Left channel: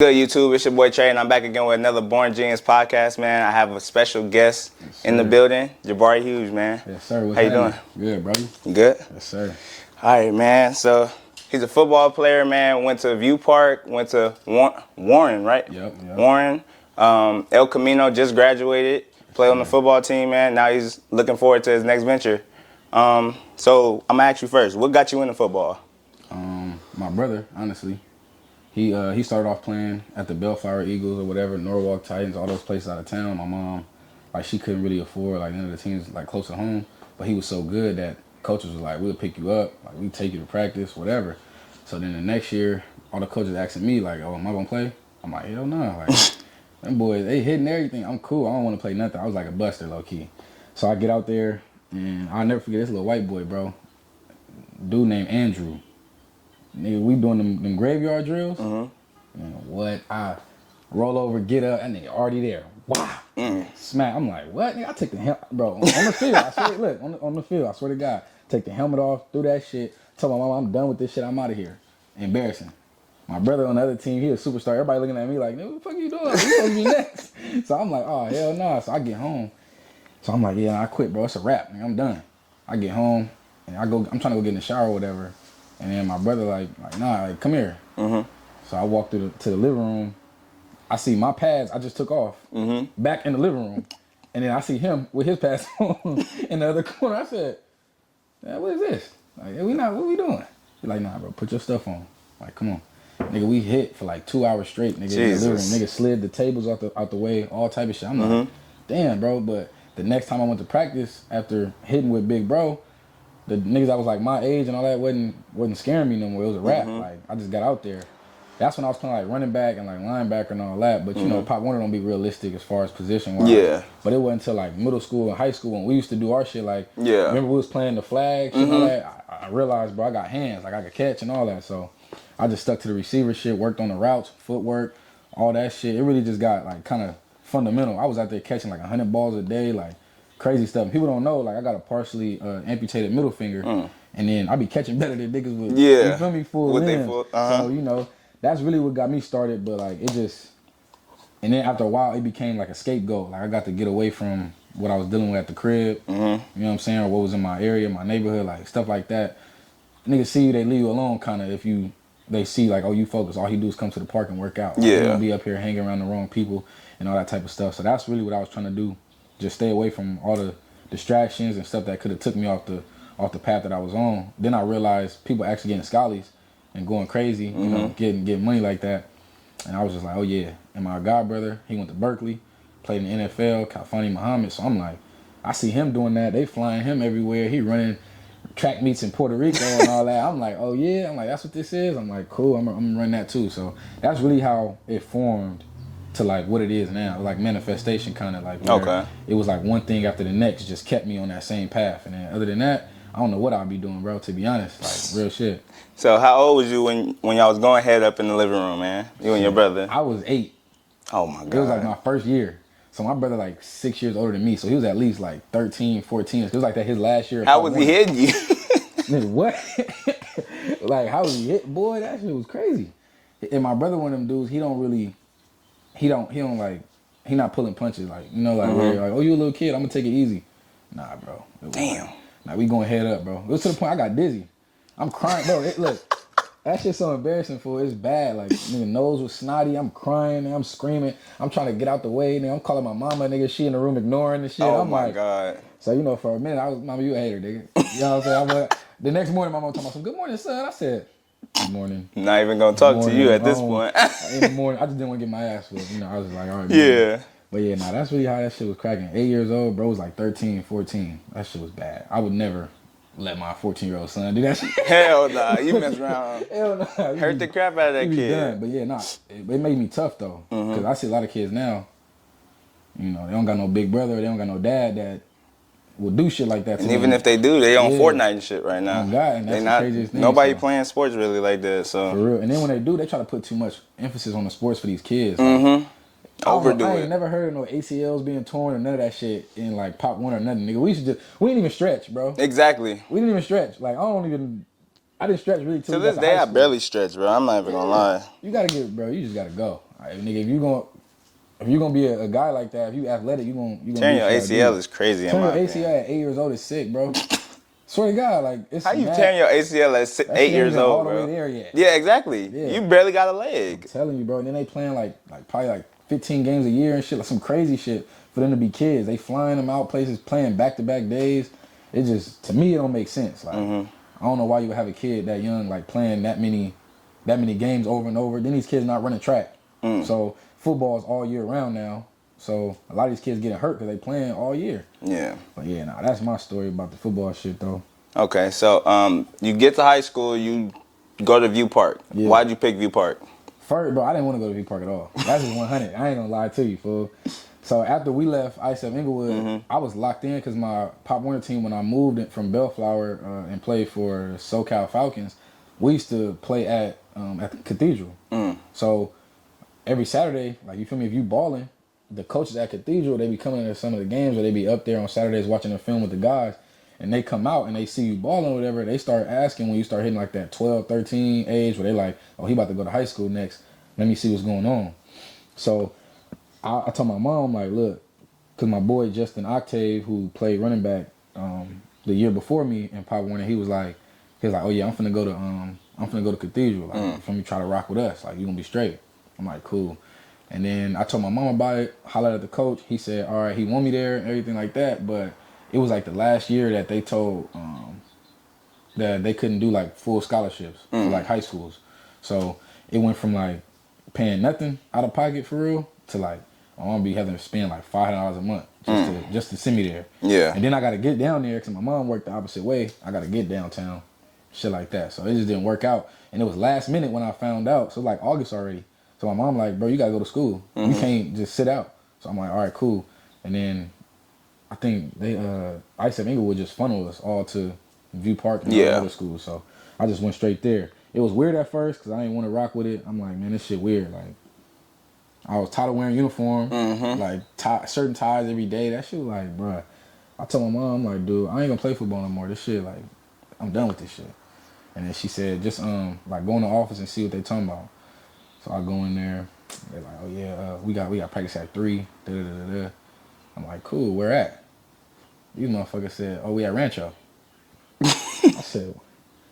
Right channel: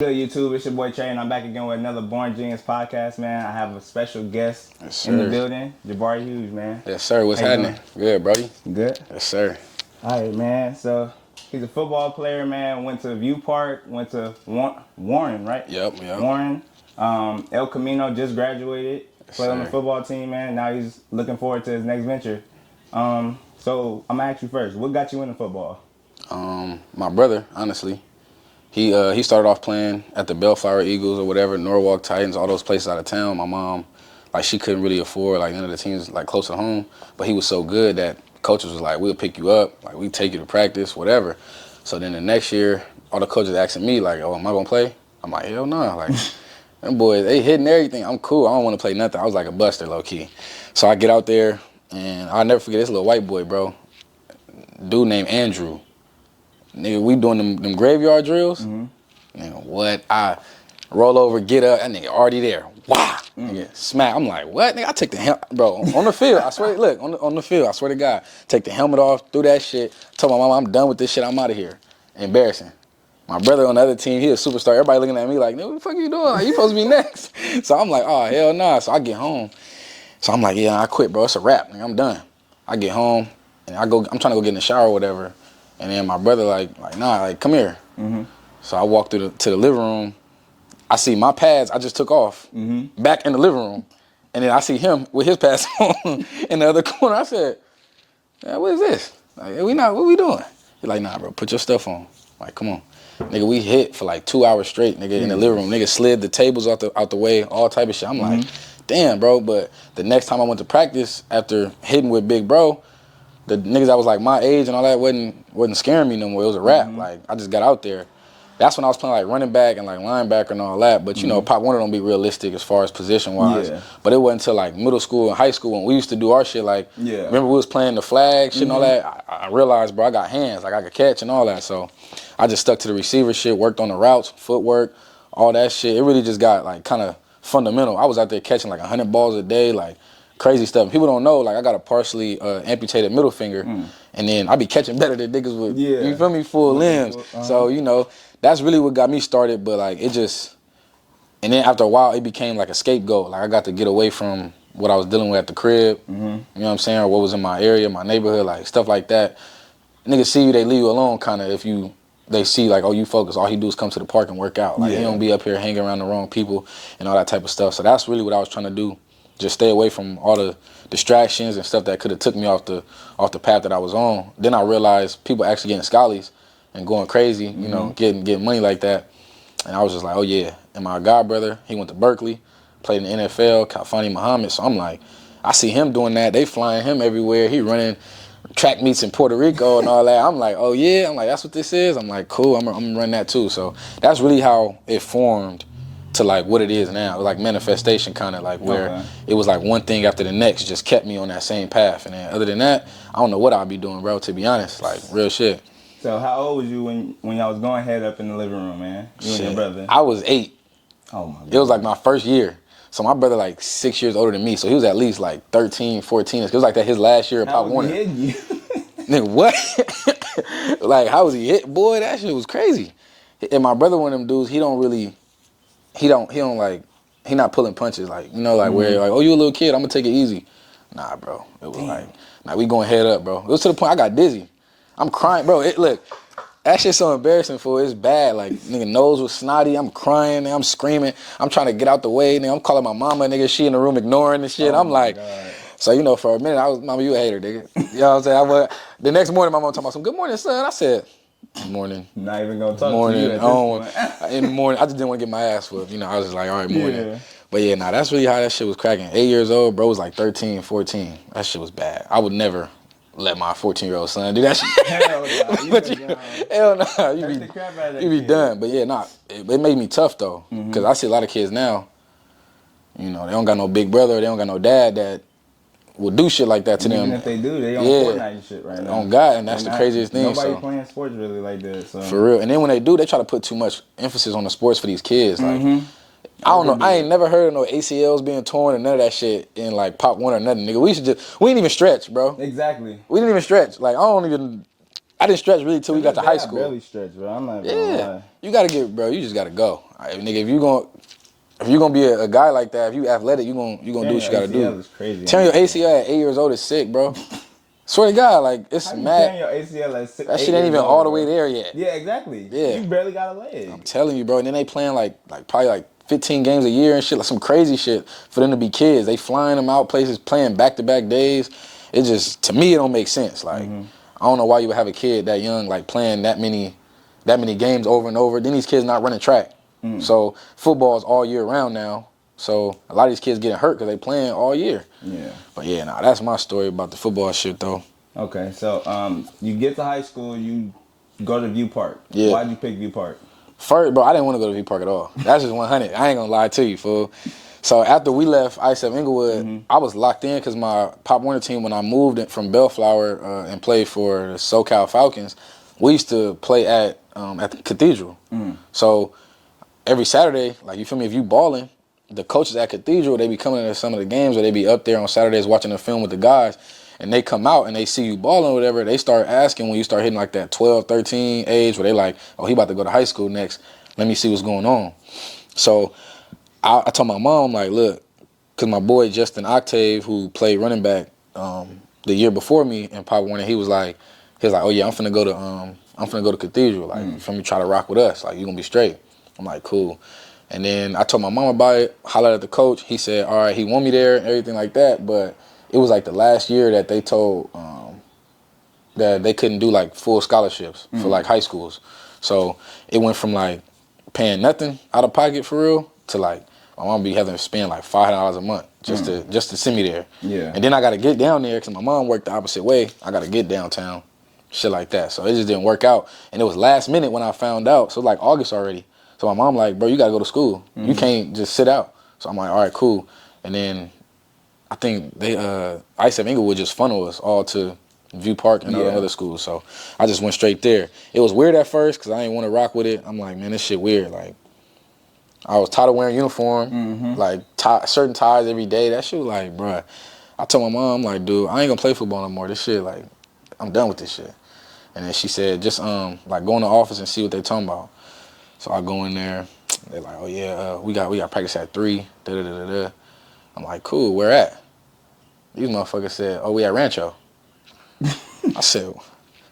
Good YouTube, it's your boy Trey, and I'm back again with another Born Genius podcast, man. I have a special guest in the building, Jabari Hughes, man. Yes, sir. What's How you happening? doing? Good, brody. You good? Yes, sir. All right, man. So he's a football player, man. Went to View Park, went to Warren, right? Yep. Warren, El Camino, just graduated, played on the football team, man. Now he's looking forward to his next venture. So I'm gonna ask you first, what got you into football? My brother, honestly. He started off playing at the Bellflower Eagles or whatever, Norwalk Titans, all those places out of town. My mom, she couldn't really afford none of the teams close to home, but he was so good that coaches was like, we'll pick you up, we take you to practice, whatever. So then the next year, all the coaches asking me oh, am I gonna play? I'm like, hell no. Them boys, they hitting everything. I'm cool. I don't want to play nothing. I was like a buster, low key. So I get out there, and I'll never forget this little white boy, bro. Dude named Andrew. Nigga, we doing them graveyard drills. Mm-hmm. Nigga, what? I roll over, get up, that nigga already there. Wow. Nigga, smack. I'm like, what? Nigga, I take the helmet, bro, on the field. I swear, look, on the field, I swear to God. Take the helmet off, threw that shit. Told my mama, I'm done with this shit, I'm out of here. Embarrassing. My brother on the other team, he a superstar. Everybody looking at me like, nigga, what the fuck you doing? You supposed to be next. So I'm like, oh, hell nah. So I get home. So I'm like, yeah, I quit, bro. It's a wrap, nigga. I'm done. I get home, and I'm trying to go get in the shower or whatever. And then my brother nah, come here. Mm-hmm. So I walk to the living room. I see my pads I just took off back in the living room. And then I see him with his pads on in the other corner. I said, what is this? What we doing? He's like, nah, bro, put your stuff on. Come on. Nigga, we hit for 2 hours straight, nigga, in the living room. Nigga slid the tables out the way, all type of shit. I'm like, damn, bro. But the next time I went to practice after hitting with Big Bro, the niggas that was my age and all that wasn't scaring me no more. It was a rap. I just got out there. That's when I was playing running back and linebacker and all that. But you know, Pop Warner don't be realistic as far as position wise. Yeah. But it wasn't until middle school and high school when we used to do our shit. Remember we was playing the flag shit and all that. I realized, bro, I got hands. I could catch and all that. So I just stuck to the receiver shit, worked on the routes, footwork, all that shit. It really just got kind of fundamental. I was out there catching 100 balls a day, crazy stuff. People don't know, I got a partially amputated middle finger, and then I be catching better than niggas with, you feel me, full limbs. So, that's really what got me started, but it just, and then after a while, it became a scapegoat. I got to get away from what I was dealing with at the crib, you know what I'm saying, or what was in my area, my neighborhood, stuff like that. Niggas see you, they leave you alone kind of if they see oh, you focus, all he do is come to the park and work out. He don't be up here hanging around the wrong people and all that type of stuff. So that's really what I was trying to do. Just stay away from all the distractions and stuff that could have took me off the path that I was on. Then I realized people actually getting schollies and going crazy, you know, getting money like that. And I was just oh yeah. And my god brother, he went to Berkeley, played in the NFL, Kalfani Muhammad. So I'm I see him doing that. They flying him everywhere. He running track meets in Puerto Rico and all that. I'm oh yeah. I'm that's what this is. I'm cool. I'm gonna run that too. So that's really how it formed to what it is now, manifestation kind of where it was one thing after the next just kept me on that same path. And then other than that, I don't know what I'd be doing, bro, to be honest, real shit. So how old was you when y'all was going head up in the living room, man? You and your brother? I was 8. Oh my God. It was my first year. So my brother 6 years older than me, so he was at least 13, 14. It was that his last year. How was he hitting you? Nigga, what? How was he hit? Boy, that shit was crazy. And my brother, one of them dudes, he not pulling punches, where oh, you a little kid, I'm gonna take it easy. Nah, bro. It was we going head up, bro. It was to the point I got dizzy. I'm crying, bro. Look, that shit's so embarrassing for it's bad. Nigga, nose was snotty. I'm crying, I'm screaming. I'm trying to get out the way, nigga. I'm calling my mama, nigga. She in the room ignoring the shit. Oh I'm God. So, for a minute, I was, mama, you a hater, nigga. You know what I'm saying? The next morning, my mama talking about some, good morning, son. I said, good morning. Not even gonna talk to you at this point. In the morning, I just didn't want to get my ass whooped. I was just all right, morning. Yeah. But yeah, that's really how that shit was cracking. 8 years old, bro was 13, 14. That shit was bad. I would never let my 14-year-old son do that shit. Hell nah, you mess around. Hell nah. Hurt the crap out of that kid. You be done. But yeah, it made me tough though. Because I see a lot of kids now, they don't got no big brother, they don't got no dad that will do shit like that to them. Even if they do, they on Fortnite and shit right now. On God, and that's the craziest thing. Nobody playing sports really like that. So for real. And then when they do, they try to put too much emphasis on the sports for these kids. I don't know. I ain't never heard of no ACLs being torn and none of that shit in Pop Warner or nothing, nigga. We didn't even stretch, bro. Exactly. We didn't even stretch. I didn't stretch really till we got to high school. I barely stretch, bro. I'm not even gonna lie. You gotta you just gotta go. Nigga, if you gonna be a guy like that, if you athletic, you gonna do Tearing what your you gotta ACL do. is crazy. Tearing your in my ACL at 8 years old is sick, bro. Swear to God, like it's How you mad. tearing your ACL at That 8 shit ain't years even old, all the bro? way there yet. Yeah, exactly. Yeah. You barely got a I'm leg. telling you, bro. And then they playing like probably like 15 games a year and shit, like some crazy shit for them to be kids. They flying them out places, playing back-to-back days. It just, to me, it don't make sense. Like, I don't know why you would have a kid that young, like playing that many games over and over. Then these kids not running track. So football's all year round now. So a lot of these kids getting hurt because they playing all year. Yeah. But yeah, nah, that's my story about the football shit though. Okay, so you get to high school, you go to View Park. Yeah. Why'd you pick View Park? First, bro, I didn't want to go to V Park at all. That's just 100. I ain't gonna lie to you, fool. So after we left ISF Inglewood, I was locked in because my Pop Warner team, when I moved from Bellflower and played for the SoCal Falcons, we used to play at the Cathedral. So every Saturday, like you feel me, if you balling, the coaches at Cathedral, they be coming to some of the games, or they be up there on Saturdays watching the film with the guys, and they come out and they see you balling or whatever, they start asking when you start hitting like that 12, 13 age, where they like, oh, he about to go to high school next, let me see what's going on. So I told my mom, like, look, because my boy Justin Octave, who played running back the year before me in Pop Warner, he was like, oh yeah, I'm finna go to Cathedral, like, you feel me, try to rock with us, like, you gonna be straight. I'm like, cool. And then I told my mom about it, hollered at the coach. He said, all right, he want me there and everything like that. But it was like the last year that they told that they couldn't do like full scholarships for like high schools. So it went from like paying nothing out of pocket for real to like my mom be having to spend like $500 a month just to send me there. Yeah. And then I got to get down there because my mom worked the opposite way. I got to get downtown, shit like that. So it just didn't work out. And it was last minute when I found out. So it was like August already. So my mom like, bro, you gotta go to school. You can't just sit out. So I'm like, all right, cool. And then I think they ISF Inglewood just funneled us all to View Park and all the other schools. So I just went straight there. It was weird at first because I didn't want to rock with it. I'm like, man, this shit weird. Like, I was tired of wearing uniform, like certain ties every day. That shit was like, bruh. I told my mom, like, dude, I ain't gonna play football no more. This shit, like, I'm done with this shit. And then she said, just like go in the office and see what they talking about. So I go in there, they're like, oh yeah, we got practice at 3, da-da-da-da-da. I'm like, cool, where at? These motherfuckers said, oh, we at Rancho. I said,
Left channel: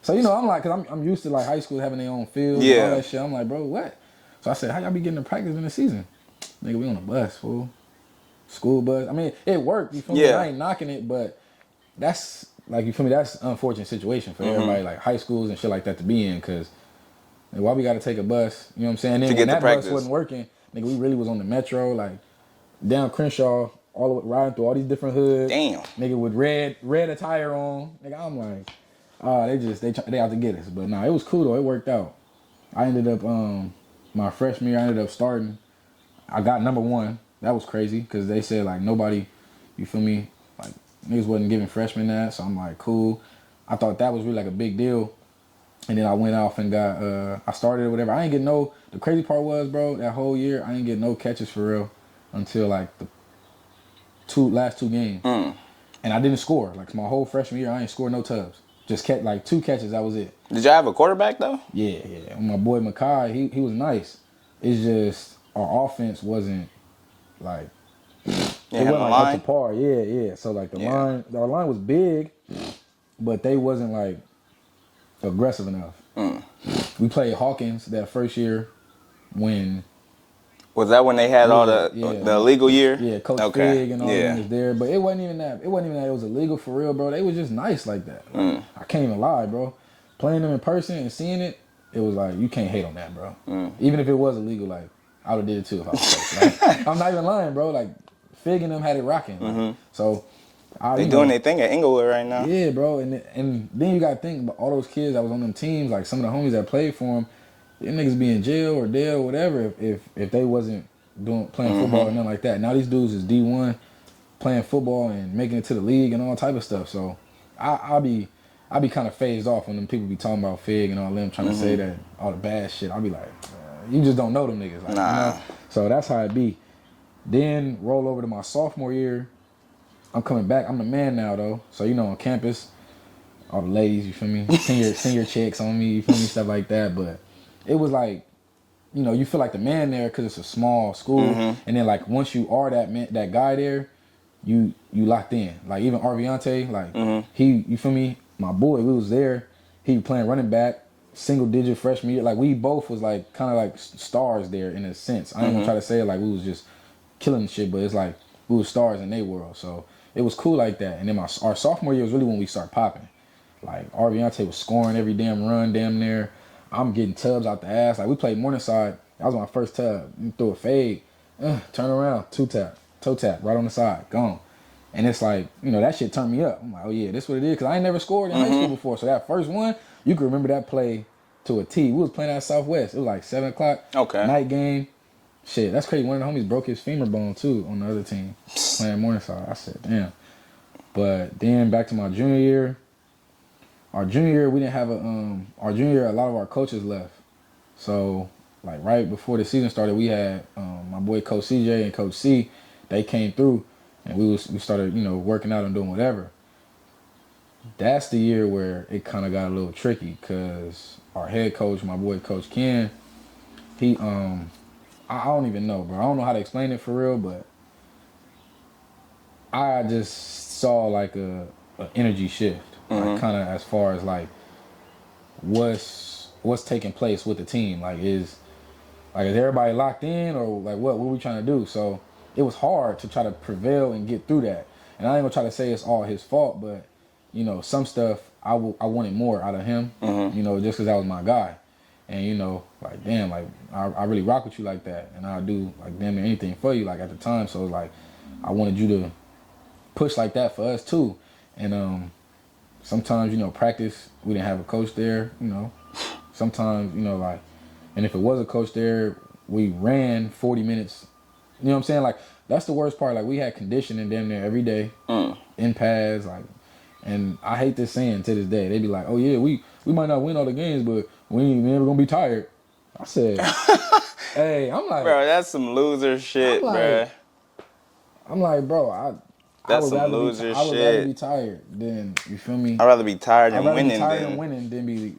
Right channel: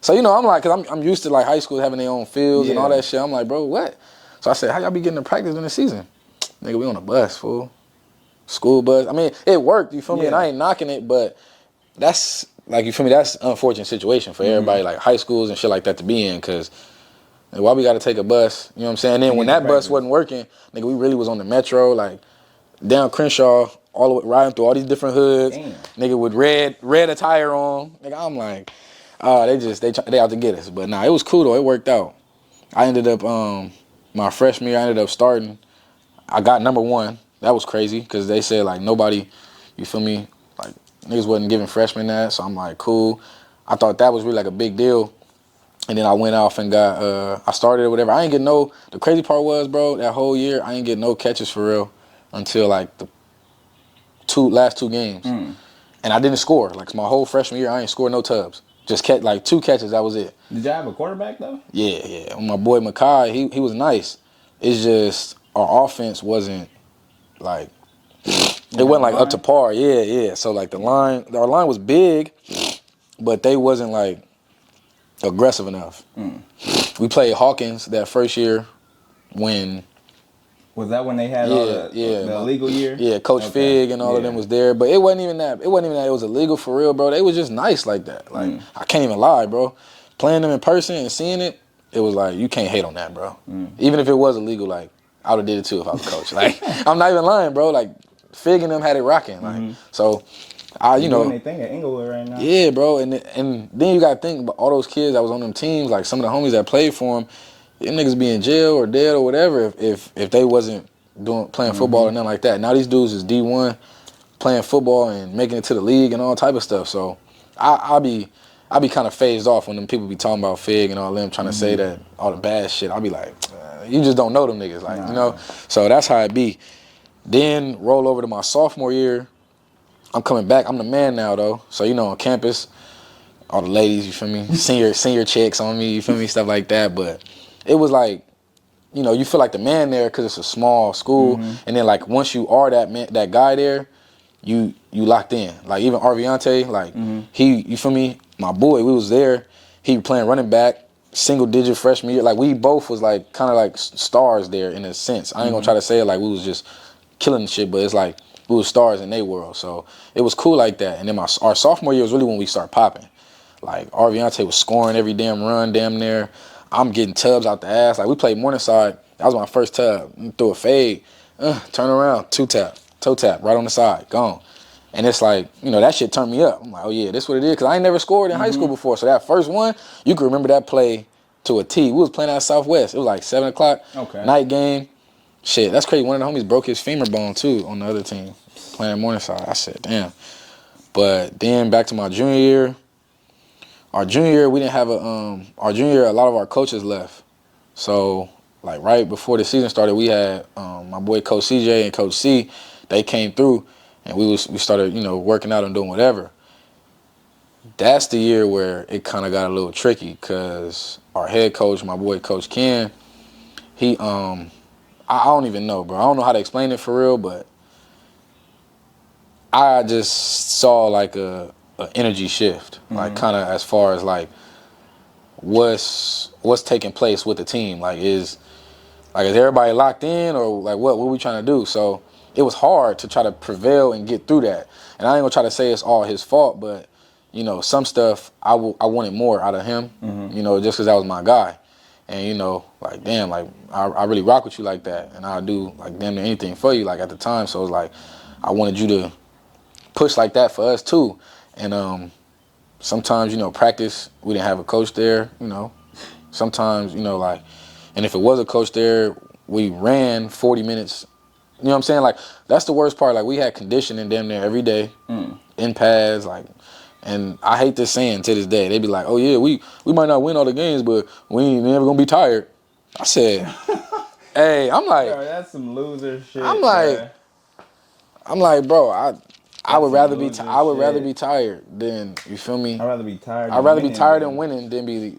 so you know, I'm like, cause I'm used to like high school having their own fields and all that shit. I'm like, bro, what? So I said, how y'all be getting to practice in the season? Nigga, we on a bus, fool. School bus. I mean, it worked, you feel me? I ain't knocking it, but that's, like, you feel me, that's an unfortunate situation for everybody, like high schools and shit like that to be in, cause why we gotta take a bus? You know what I'm saying? And then when that bus wasn't working, nigga, we really was on the metro, like down Crenshaw, all the way riding through all these different hoods. Damn. Nigga with red attire on. Nigga, I'm like, they out to get us. But nah, it was cool though. It worked out. I ended up my freshman year, I ended up starting. I got number 1. That was crazy because they said like nobody, you feel me, like niggas wasn't giving freshmen that. So I'm like, cool. I thought that was really like a big deal. And then I went off and got, I started or whatever. I ain't get the crazy part was, bro, that whole year, I ain't get no catches for real until like the last 2 games. And I didn't score. Like my whole freshman year, I ain't scored no tubs. Just like 2 catches, that was it. Did y'all have a quarterback though? Yeah. My boy Makai, he was nice. It's just our offense wasn't like, it wasn't like up to par. Yeah. So like our line was big, but they wasn't like aggressive enough. We played Hawkins that first year when... Was that when they had all the illegal year? Yeah, Coach Fig and all of them was there. But it wasn't even that. It was illegal for real, bro. They was just nice like that. Like I can't even lie, bro. Playing them in person and seeing it, it was like, you can't hate on that, bro. Even if it was illegal, like, I would have did it too if I was coach. Like, I'm not even lying, bro. Like, Fig and them had it rocking. Like, so... you doing their thing at Inglewood right now. Yeah, bro, and then you gotta think about all those kids that was on them teams, like some of the homies that played for them, them niggas be in jail or dead or whatever if they wasn't playing football and nothing like that. Now these dudes is D1 playing football and making it to the league and all type of stuff. So I'll be kind of phased off when them people be talking about Fig and all them trying to say that all the bad shit. I'll be like, you just don't know them niggas, like you know. So that's how it be. Then roll over to my sophomore year. I'm coming back. I'm the man now, though. So, you know, on campus, all the ladies, you feel me? Senior chicks on me, you feel me? Stuff like that. But it was like, you know, you feel like the man there because it's a small school, and then like once you are that man, that guy there, you locked in. Like even Arviante, like you feel me? My boy, we was there. He playing running back, single digit freshman year. Like we both was like kind of like stars there in a sense. I ain't gonna try to say it like we was just killing the shit, but it's like we was stars in their world. So it was cool like that. And then our sophomore year was really when we started popping. Like Arviante was scoring every damn run, damn near. I'm getting tubs out the ass. Like we played Morningside. That was my first tub. Threw a fade, turn around, two tap, toe tap, right on the side, gone. And it's like, you know, that shit turned me up. I'm like, oh yeah, this what it is. Because I ain't never scored in high school before. So that first one, you can remember that play to a T. We was playing at Southwest. It was like 7 o'clock, night game. Shit, that's crazy. One of the homies broke his femur bone too on the other team, playing at Morningside. I said, damn. But then back to my junior year. Our junior year, we didn't have our junior year, a lot of our coaches left. So, like right before the season started, we had my boy Coach CJ and Coach C. They came through. And we started, you know, working out and doing whatever. That's the year where it kind of got a little tricky because our head coach, my boy Coach Ken, he, I don't even know, bro. I don't know how to explain it for real, but I just saw like a energy shift, like kind of as far as like what's taking place with the team. Like is everybody locked in or like what we trying to do? So it was hard to try to prevail and get through that. And I ain't gonna try to say it's all his fault, but you know, some stuff I wanted more out of him, you know, just because that was my guy. And you know, like damn, like I really rock with you like that, and I'll do like damn near anything for you like at the time. So it's like I wanted you to push like that for us too. And sometimes, you know, practice, we didn't have a coach there, you know. Sometimes, you know, like, and if it was a coach there, we ran 40 minutes. You know what I'm saying? Like, that's the worst part. Like, we had conditioning damn near every day, in pads, like, and I hate this saying to this day. They be like, oh, yeah, we might not win all the games, but we ain't never gonna be tired. I said, hey, I'm like. Bro, that's some loser shit, bro. I'm like, bro, I would rather be tired than, you feel me? I'd rather be tired than winning. I'd rather be tired than winning than be,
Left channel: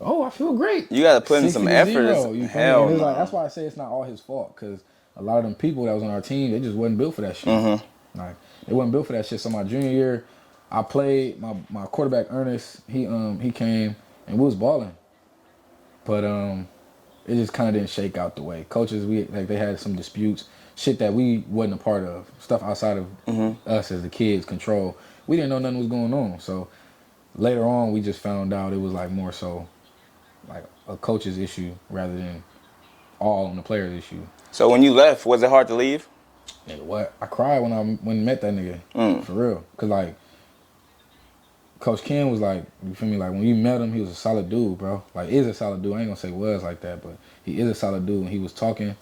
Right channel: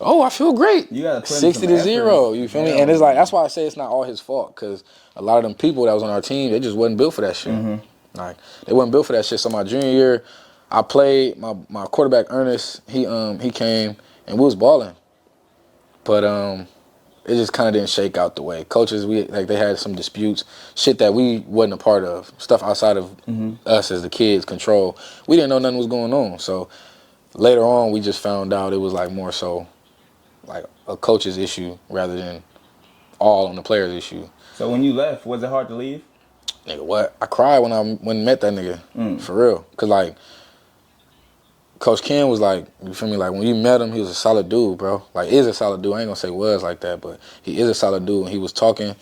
oh, I feel great. You got to put in some effort. 60-0, you feel me? And it's like, that's why I say it's not all his fault, because a lot of them people that was on our team, they just wasn't built for that shit. Like, they wasn't built for that shit. So my junior year, I played, my quarterback, Ernest, he came, and we was balling. But it just kind of didn't shake out the way. Coaches, they had some disputes, shit that we wasn't a part of, stuff outside of us as the kids' control. We didn't know nothing was going on. So later on, we just found out it was like more so like a coach's issue rather than all on the player's issue. So when you left, was it hard to leave? Nigga, what? I cried when I met that nigga, for real. Cause like, Coach Ken was like, you feel me? Like when you met him, he was a solid dude, bro. Like is a solid dude. I ain't gonna say was like that, but he is a solid dude. And he was talking,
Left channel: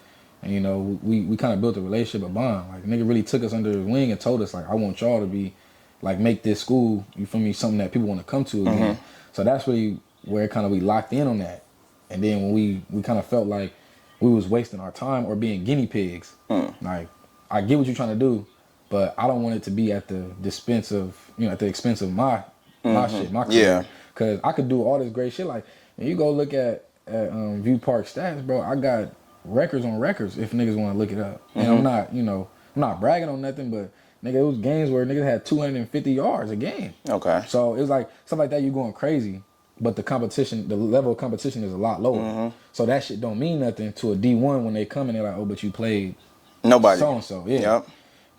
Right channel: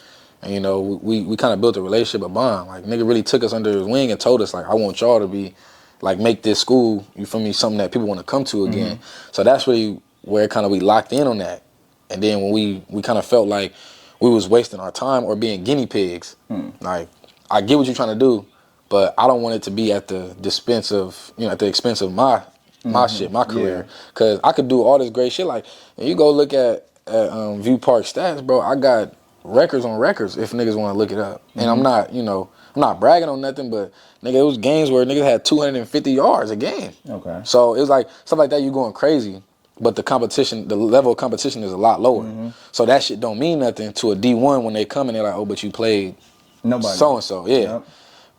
and you know, we kind of built a relationship, a bond. Like nigga really took us under his wing and told us like, I want y'all to be, like make this school, you feel me, something that people want to come to again. So that's really where kind of we locked in on that. And then when we kind of felt like we was wasting our time or being guinea pigs. Like I get what you're trying to do, but I don't want it to be at the expense of, you know, at the expense of my shit, my career. Cause I could do all this great shit. Like, and you go look at View Park stats, bro. I got records on records if niggas want to look it up. And I'm not, you know, I'm not bragging on nothing, but nigga, it was games where niggas had 250 yards a game. Okay. So it was like stuff like that. You going crazy, but the competition, the level of competition is a lot lower. So that shit don't mean nothing to a D1 when they come and they're like, oh, but you played nobody so and so, yeah.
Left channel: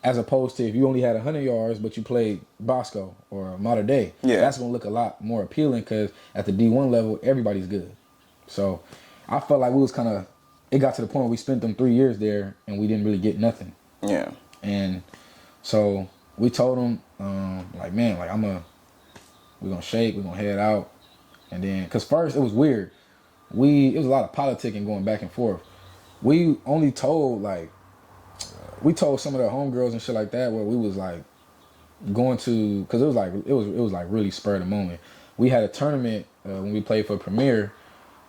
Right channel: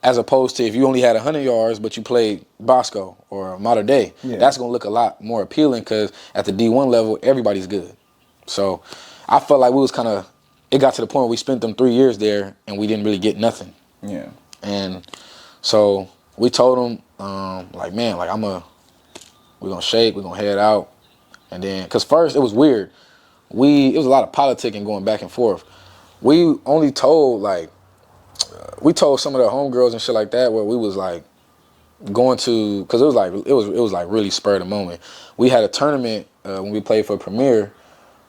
As opposed to if you only had 100 yards, but you played Bosco or Mater Dei, that's going to look a lot more appealing because at the D1 level, everybody's good. So I felt like we was kind of, it got to the point where we spent them 3 years there and we didn't really get nothing. Yeah. And so we told them, like, man, like we're going to shake, we're going to head out. And then, because first it was weird. It was a lot of politicking going back and forth. We only told, like, we told some of the homegirls and shit like that where we was like going to, cause it was like really spur of the moment. We had a tournament when we played for Premier.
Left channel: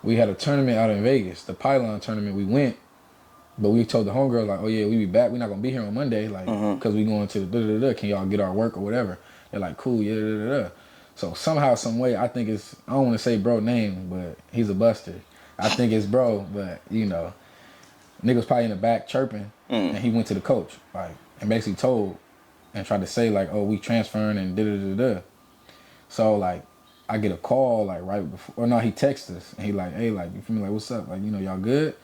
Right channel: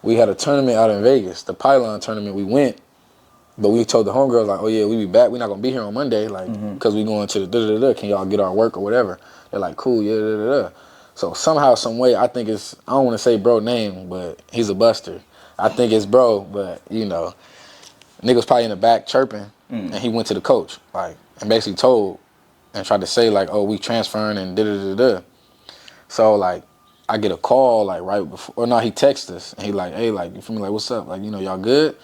We had a tournament out in Vegas, the Pylon tournament. We went, but we told the homegirls like, oh yeah, we be back. We're not gonna be here on Monday, like, cause we going to the da-da-da-da. Can y'all get our work or whatever? They're like, cool, yeah, da-da-da. So somehow, some way, I think I don't want to say bro name, but he's a buster. I think it's bro, but you know, nigga was probably in the back chirping, and he went to the coach, like, and basically told and tried to say like, oh, we transferring and da da da da. So like, I get a call like right before, or no, he texts us and he like, hey, like, you feel me, like, what's up, like, you know, y'all good?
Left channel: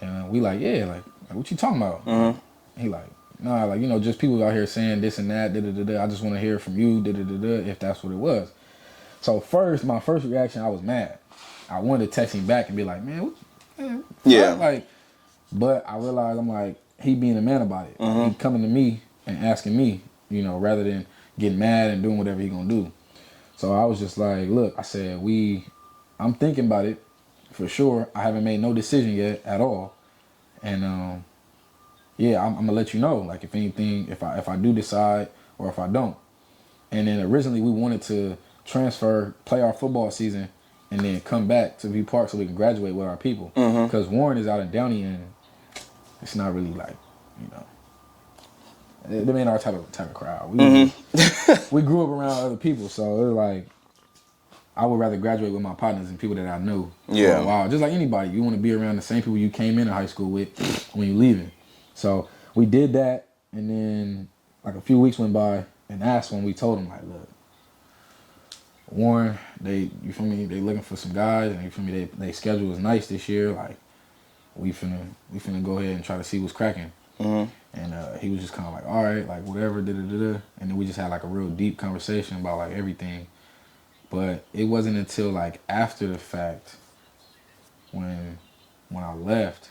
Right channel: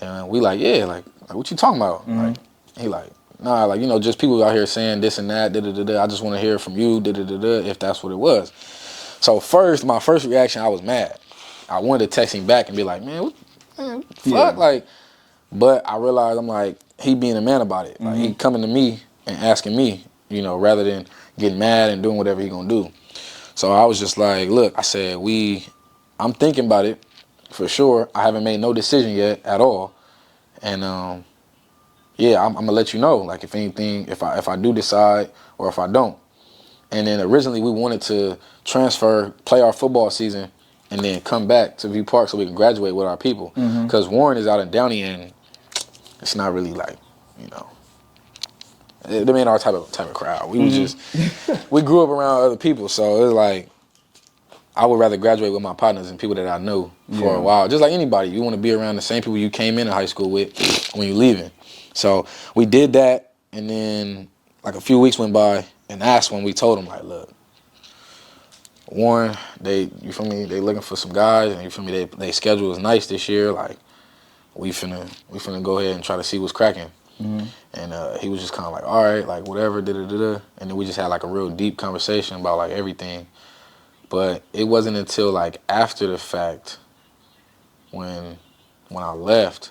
And we like, yeah, like what you talking about? Like, he like, nah, like, you know, just people out here saying this and that, da da da da. I just want to hear from you, da da da da, if that's what it was. So my first reaction, I was mad. I wanted to text him back and be like, man, what the fuck? Like, but I realized I'm like, he being a man about it. Like, he coming to me and asking me, you know, rather than getting mad and doing whatever he gonna do. So I was just like, look, I said, I'm thinking about it for sure. I haven't made no decision yet at all. And yeah, I'm gonna let you know, like, if anything, if I do decide or if I don't. And then originally we wanted to transfer, play our football season, and then come back to View Park so we can graduate with our people. Because Warren is out in Downey, and it's not really like, you know, they ain't our type of crowd. We was just, we grew up around other people, so it's like, I would rather graduate with my partners and people that I know for a while. Just like anybody, you want to be around the same people you came into high school with when you're leaving. So we did that, and then like a few weeks went by, and that's when we told them, like, look, Warren, you feel me, they looking for some guys, and you feel me, they schedule is nice this year, like, we finna go ahead and try to see what's cracking. And he was just kind of like, all right, like, whatever, da-da-da-da. And then we just had like a real deep conversation about like everything. But it wasn't until like after the fact when I left,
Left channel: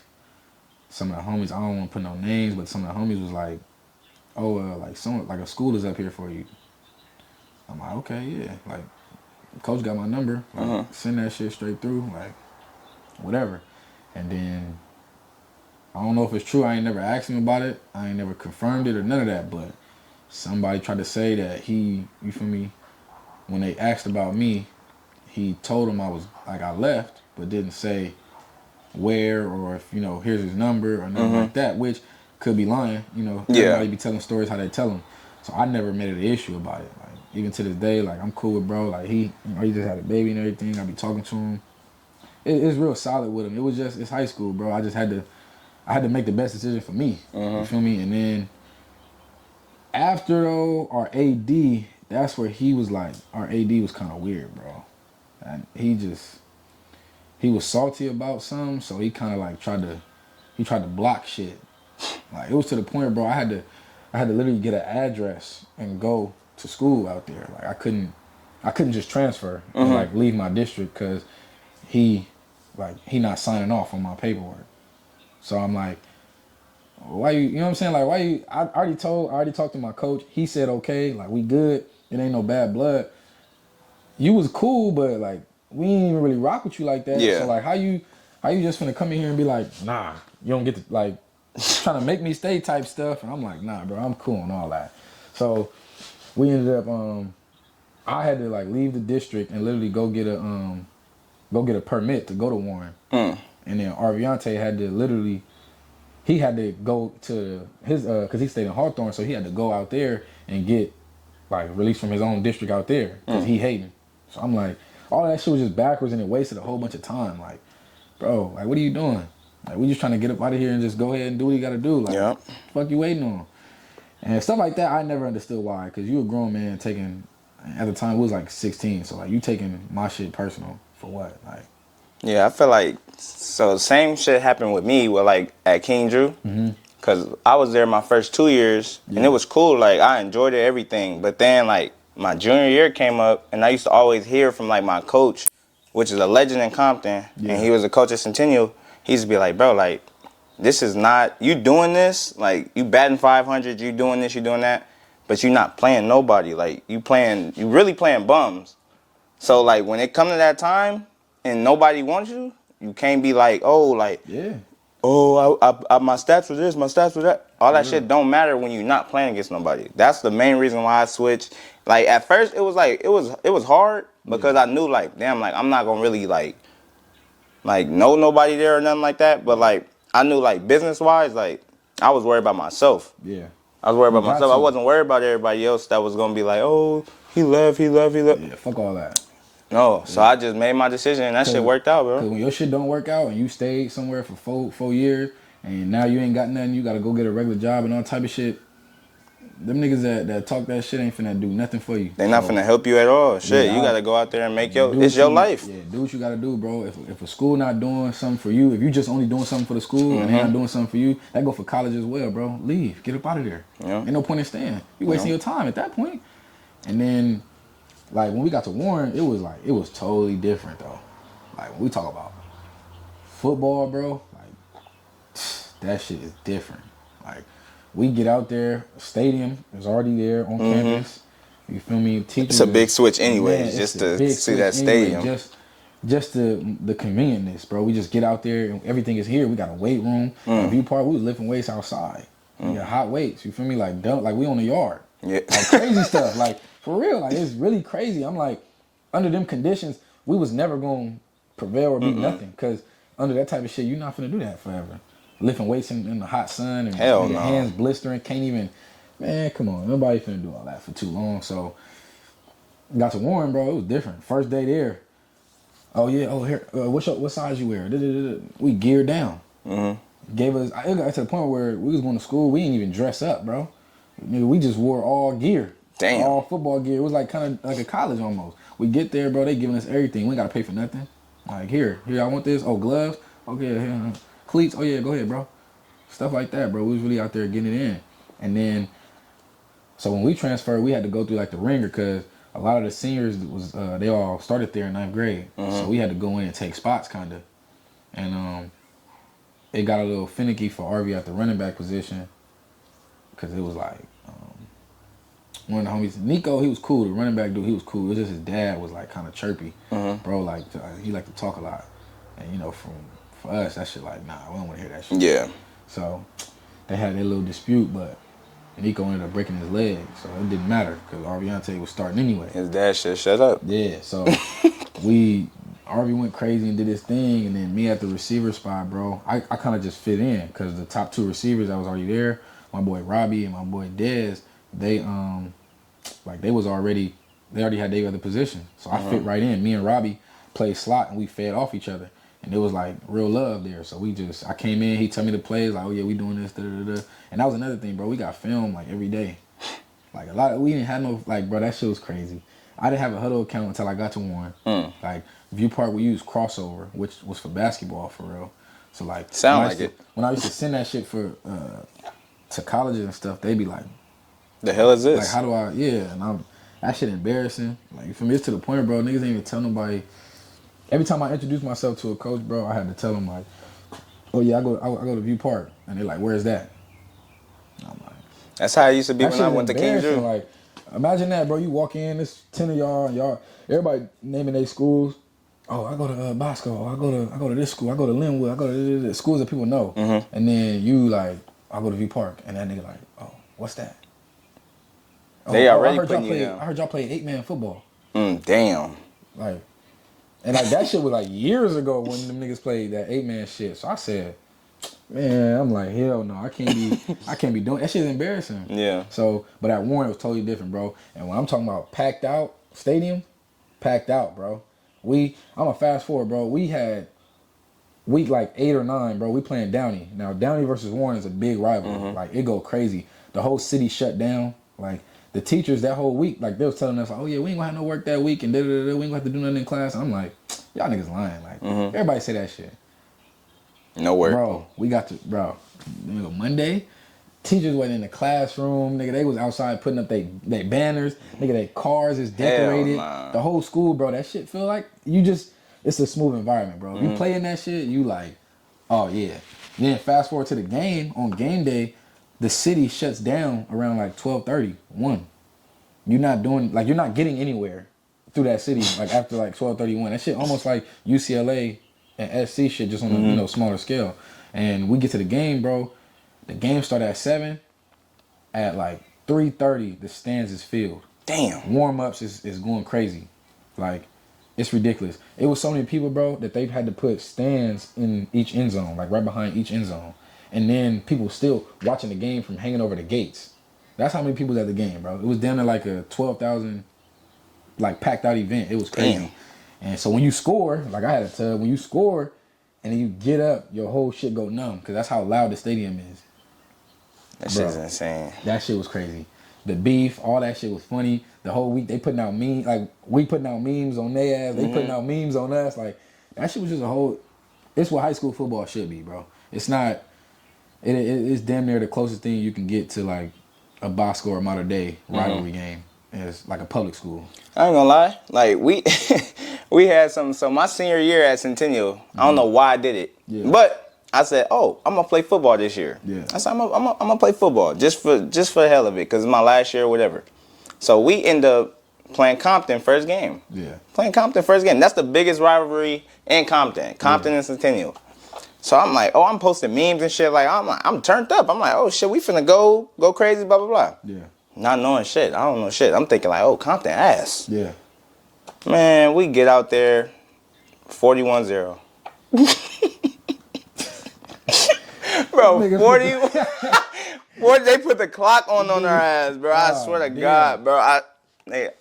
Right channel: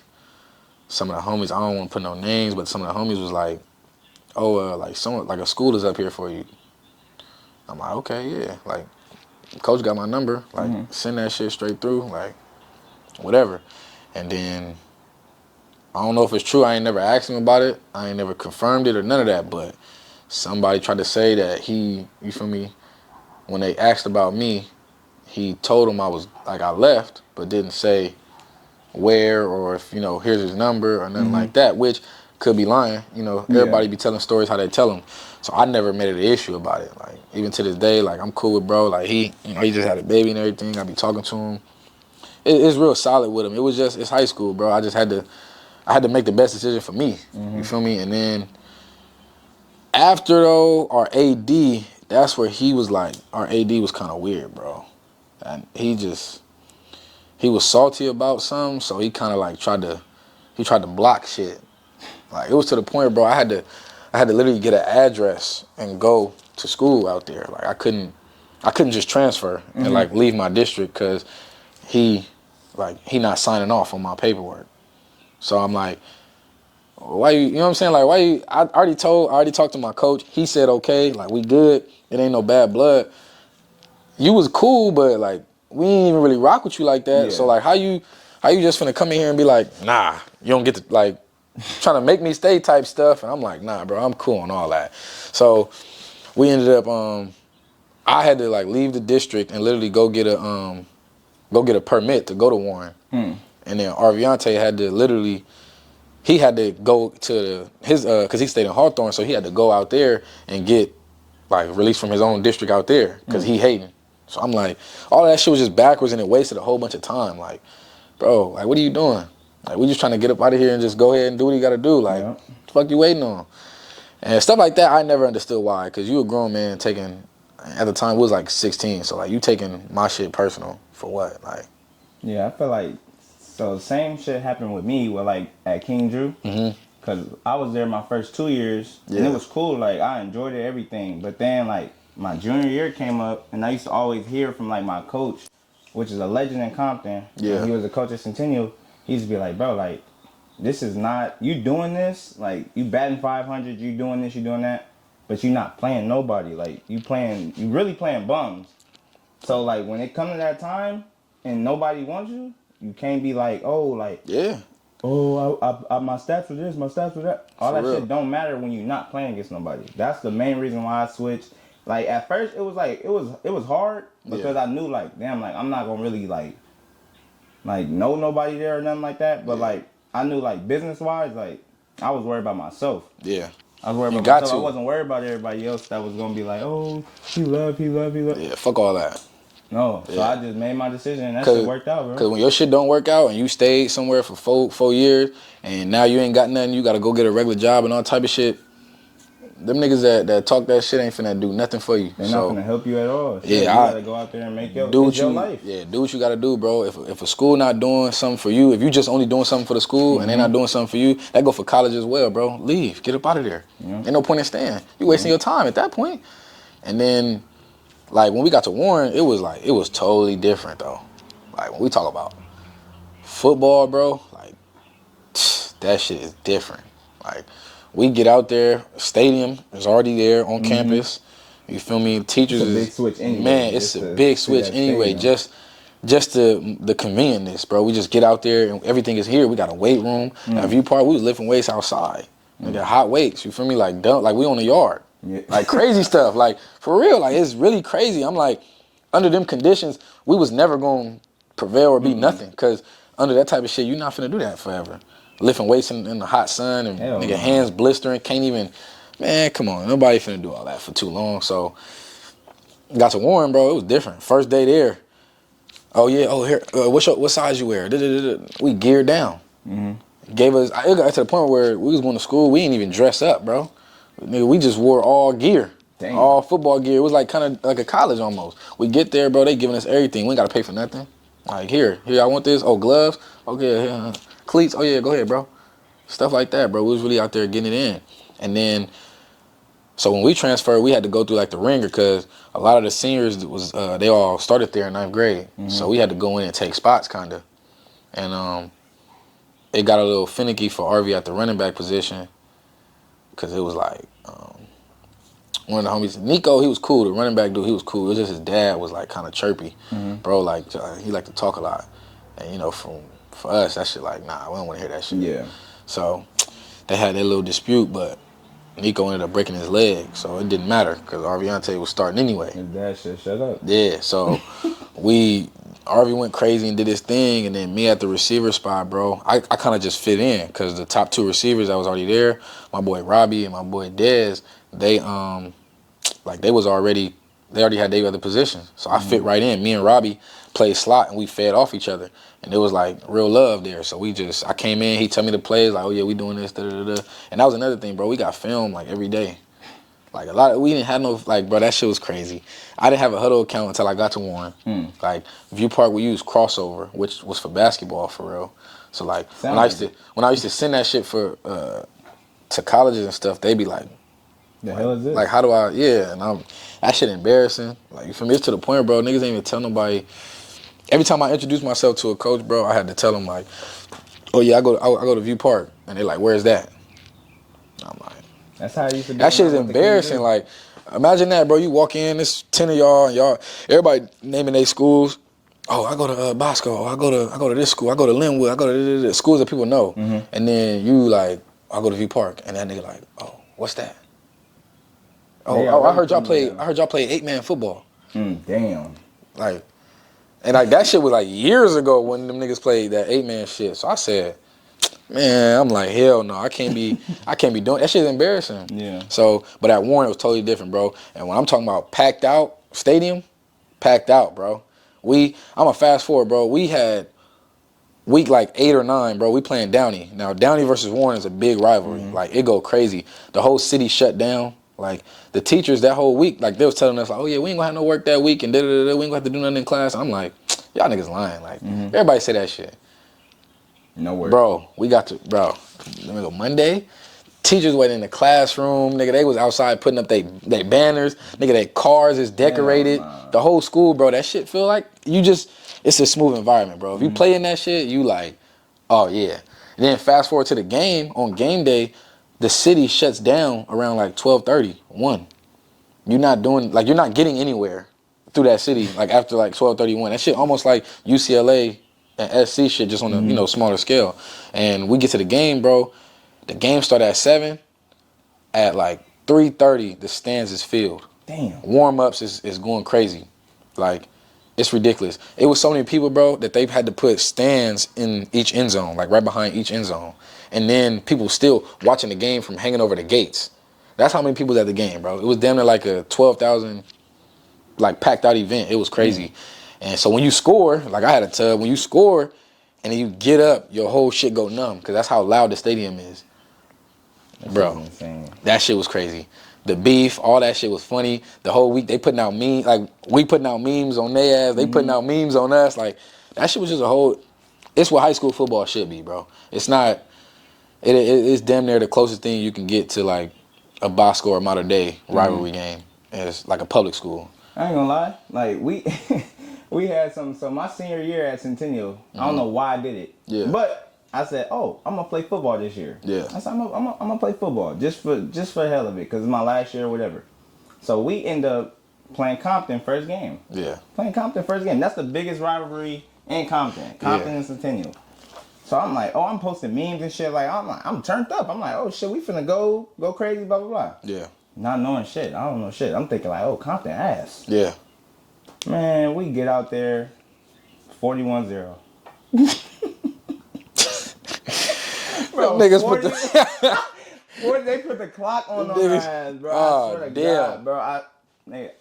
some of the homies, I don't want to put no names, but some of the homies was like, oh, like a school is up here for you. I'm like, okay, yeah. Like, coach got my number. Like, send that shit straight through. Like, whatever. And then, I don't know if it's true. I ain't never asked him about it. I ain't never confirmed it or none of that. But somebody tried to say that you feel me, when they asked about me, he told them I left, but didn't say where or if, you know, here's his number or nothing like that, which could be lying. You know, everybody be telling stories how they tell them. So I never made it an issue about it. Like, even to this day, like, I'm cool with bro. Like, he just had a baby and everything. I be talking to him. It's real solid with him. It was just, it's high school, bro. I had to make the best decision for me. You feel me? And then after though, our AD, that's where he was like, our AD was kind of weird, bro. And he was salty about something, so he kind of like tried to block shit. Like, it was to the point, bro, I had to literally get an address and go to school out there. Like, I couldn't just transfer and like leave my district because he not signing off on my paperwork. So I'm like, why you know what I'm saying? Like, why you, I already talked to my coach. He said, okay, like, we good. It ain't no bad blood. You was cool, but like, we ain't even really rock with you like that. Yeah. So like, how you just finna come in here and be like, nah, you don't get to, like, trying to make me stay type stuff. And I'm like, nah, bro, I'm cool on all that. So we ended up, I had to like leave the district and literally go get a permit to go to Warren. And then Arviante had to literally, he had to go to his, cause he stayed in Hawthorne, so he had to go out there and get like released from his own district out there, cause he hating. So I'm like, all that shit was just backwards and it wasted a whole bunch of time. Like, bro, like, what are you doing? Like, we just trying to get up out of here and just go ahead and do what you gotta do. Like, what the fuck you waiting on? And stuff like that, I never understood why, cause you a grown man taking, at the time, we was like 16, so like, you taking my shit personal for what? Like, yeah, I feel like, so the same shit happened with me with like at King Drew. Cause I was there my first 2 years and it was cool. Like, I enjoyed it, everything. But then like my junior year came up and I used to always hear from like my coach, which is a legend in Compton. And he was a coach at Centennial. He used to be like, bro, like, this is not, you doing this, like, you batting 500, you doing this, you doing that, but you not playing nobody. Like, you really playing bums. So like, when it come to that time and nobody wants you, you can't be like, oh, like, oh, I my stats were this, my stats were that. All that shit don't matter when you're not playing against nobody. That's the main reason why I switched. Like, at first, it was like, it was hard because I knew, like, damn, like, I'm not gonna really, like know nobody there or nothing like that. But, like, I knew, like, business-wise, like, I was worried about myself. Yeah. I was worried about myself. I wasn't worried about everybody else that was gonna be like, oh, he left. Yeah, fuck all that. No, so I just made my decision and that shit worked out, bro. Because when your shit don't work out and you stayed somewhere for four years and now you ain't got nothing, you got to go get a regular job and all type of shit, them niggas that talk that shit ain't finna do nothing for you. They not finna help you at all. Shit, Yeah, you gotta go out there and make it's your life. Yeah, do what you gotta do, bro. If a school not doing something for you, if you just only doing something for the school and they not doing something for you, that go for college as well, bro. Leave. Get up out of there. Yeah. Ain't no point in staying. You wasting your time at that point. And then, like, when we got to Warren, it was totally different, though. Like, when we talk about football, bro, like, that shit is different. Like, we get out there, stadium is already there on campus. You feel me? Teachers. It's a big switch anyway. Man, it's a big switch anyway. Just the convenientness, bro. We just get out there and everything is here. We got a weight room. At View Park, we was lifting weights outside. We got hot weights. You feel me? Like we on the yard. Yeah. Like crazy stuff. Like for real. Like it's really crazy. I'm like, under them conditions, we was never gonna prevail or be nothing. Cause under that type of shit, you're not finna do that forever. Lifting weights in the hot sun and nigga, hands blistering, can't even, man, come on. Nobody finna do all that for too long. So, got to Warren, bro, it was different. First day there, oh yeah, here, what size you wear? We geared down. Gave us, it got to the point where we was going to school, we didn't even dress up, bro. Nigga, we just wore all gear. Damn. All football gear. It was like kind of like a college almost. We get there, bro, they giving us everything. We ain't got to pay for nothing. Like, here, I want this. Oh, gloves? Okay, here. Cleats, oh yeah, go ahead, bro. Stuff like that, bro. We was really out there getting it in. And then, so when we transferred, we had to go through like the ringer because a lot of the seniors was they all started there in 9th grade. So we had to go in and take spots kind of. And it got a little finicky for RV at the running back position because it was like one of the homies, Nico, he was cool. The running back dude, he was cool. It was just his dad was like kind of chirpy. Bro, like he liked to talk a lot. And you know, for us, that shit like, nah, we don't want to hear that shit. Yeah. So they had their little dispute, but Nico ended up breaking his leg, so it didn't matter because Arviante was starting anyway. His dad said, shut up. Yeah, so Arvie went crazy and did his thing, and then me at the receiver spot, bro, I kind of just fit in because the top two receivers that was already there, my boy Robbie and my boy Dez, they already had their other positions. So I fit right in. Me and Robbie played slot and we fed off each other. And it was like real love there. So I came in, he told me the plays, like, oh yeah, we doing this, da-da-da-da. And that was another thing, bro. We got film like every day. Like we didn't have no, like, bro, that shit was crazy. I didn't have a Huddle account until I got to Warren. Like, View Park, we used Crossover, which was for basketball for real. So like, when I used to send that shit for to colleges and stuff, they be like, the hell is this? Like, how do I, and that shit embarrassing. Like, for me, it's to the point, bro, niggas ain't even tell nobody. Every time I introduce myself to a coach, bro, I had to tell them, like, oh, yeah, I go to View Park. And they're like, where's that? I'm like, that's how it used to be. That shit is embarrassing. Like, imagine that, bro. You walk in, there's 10 of y'all, everybody naming their schools. Oh, I go to Bosco. I go to this school. I go to Linwood. I go to this schools that people know. And then you like, I go to View Park. And that nigga like, oh, what's that? Oh, I heard y'all play 8-man football. Damn. Like, and like that shit was like years ago when them niggas played that 8-man shit. So I said, man, I'm like, hell no, I can't be doing that shit's embarrassing. Yeah. So, but at Warren it was totally different, bro. And when I'm talking about packed out stadium, packed out, bro. I'm a fast forward, bro. We had week like 8 or 9, bro. We playing Downey. Now Downey versus Warren is a big rivalry. Like it go crazy. The whole city shut down. Like the teachers that whole week, like they was telling us, like, oh yeah, we ain't gonna have no work that week and da-da-da-da. We ain't gonna have to do nothing in class. I'm like, y'all niggas lying. Like everybody say that shit. No work. Bro, let me go Monday. Teachers went in the classroom, nigga, they was outside putting up they banners, nigga, their cars is decorated. Nah. The whole school, bro, that shit feel like it's a smooth environment, bro. If you play in that shit, you like, oh yeah. Then fast forward to the game, on game day, the city shuts down around like 12:30, 1. You're not getting anywhere through that city like after like 12:31. That shit almost like UCLA and SC shit just on a smaller scale. And we get to the game, bro. The game started at 7. At like 3:30, the stands is filled. Damn. Warm-ups is going crazy. Like, it's ridiculous. It was so many people, bro, that they've had to put stands in each end zone, like right behind each end zone. And then people still watching the game from hanging over the gates. That's how many people was at the game, bro. It was damn near like a 12,000, like, packed out event. It was crazy. And so when you score, like I had a tub, when you score and then you get up, your whole shit go numb because that's how loud the stadium is. That Bro. shit's insane. That shit was crazy. The beef, all that shit was funny. The whole week they putting out memes, like we putting out memes on their ass, they putting out memes on us. Like that shit was just a whole. It's what high school football should be, bro. It's not. It's damn near the closest thing you can get to like a Bosco or Mater Dei rivalry game. It's like a public school. I ain't gonna lie. Like we had some. So my senior year at Centennial, I don't know why I did it. Yeah. But I said, oh, I'm gonna play football this year. Yeah. I said, I'm gonna play football just for the hell of it, cause it's my last year or whatever. So we end up playing Compton first game. Yeah. Playing Compton first game. That's the biggest rivalry in Compton. Compton and Centennial. So I'm like, oh, I'm posting memes and shit. Like I'm turned up. I'm like, oh shit, we finna go crazy, blah blah blah. Yeah. Not knowing shit. I don't know shit. I'm thinking like, oh, Compton ass. Yeah. Man, we get out there, 41-0. Bro, Niggas 40, they put the clock on our ass, bro. I Oh, swear to damn. God, bro.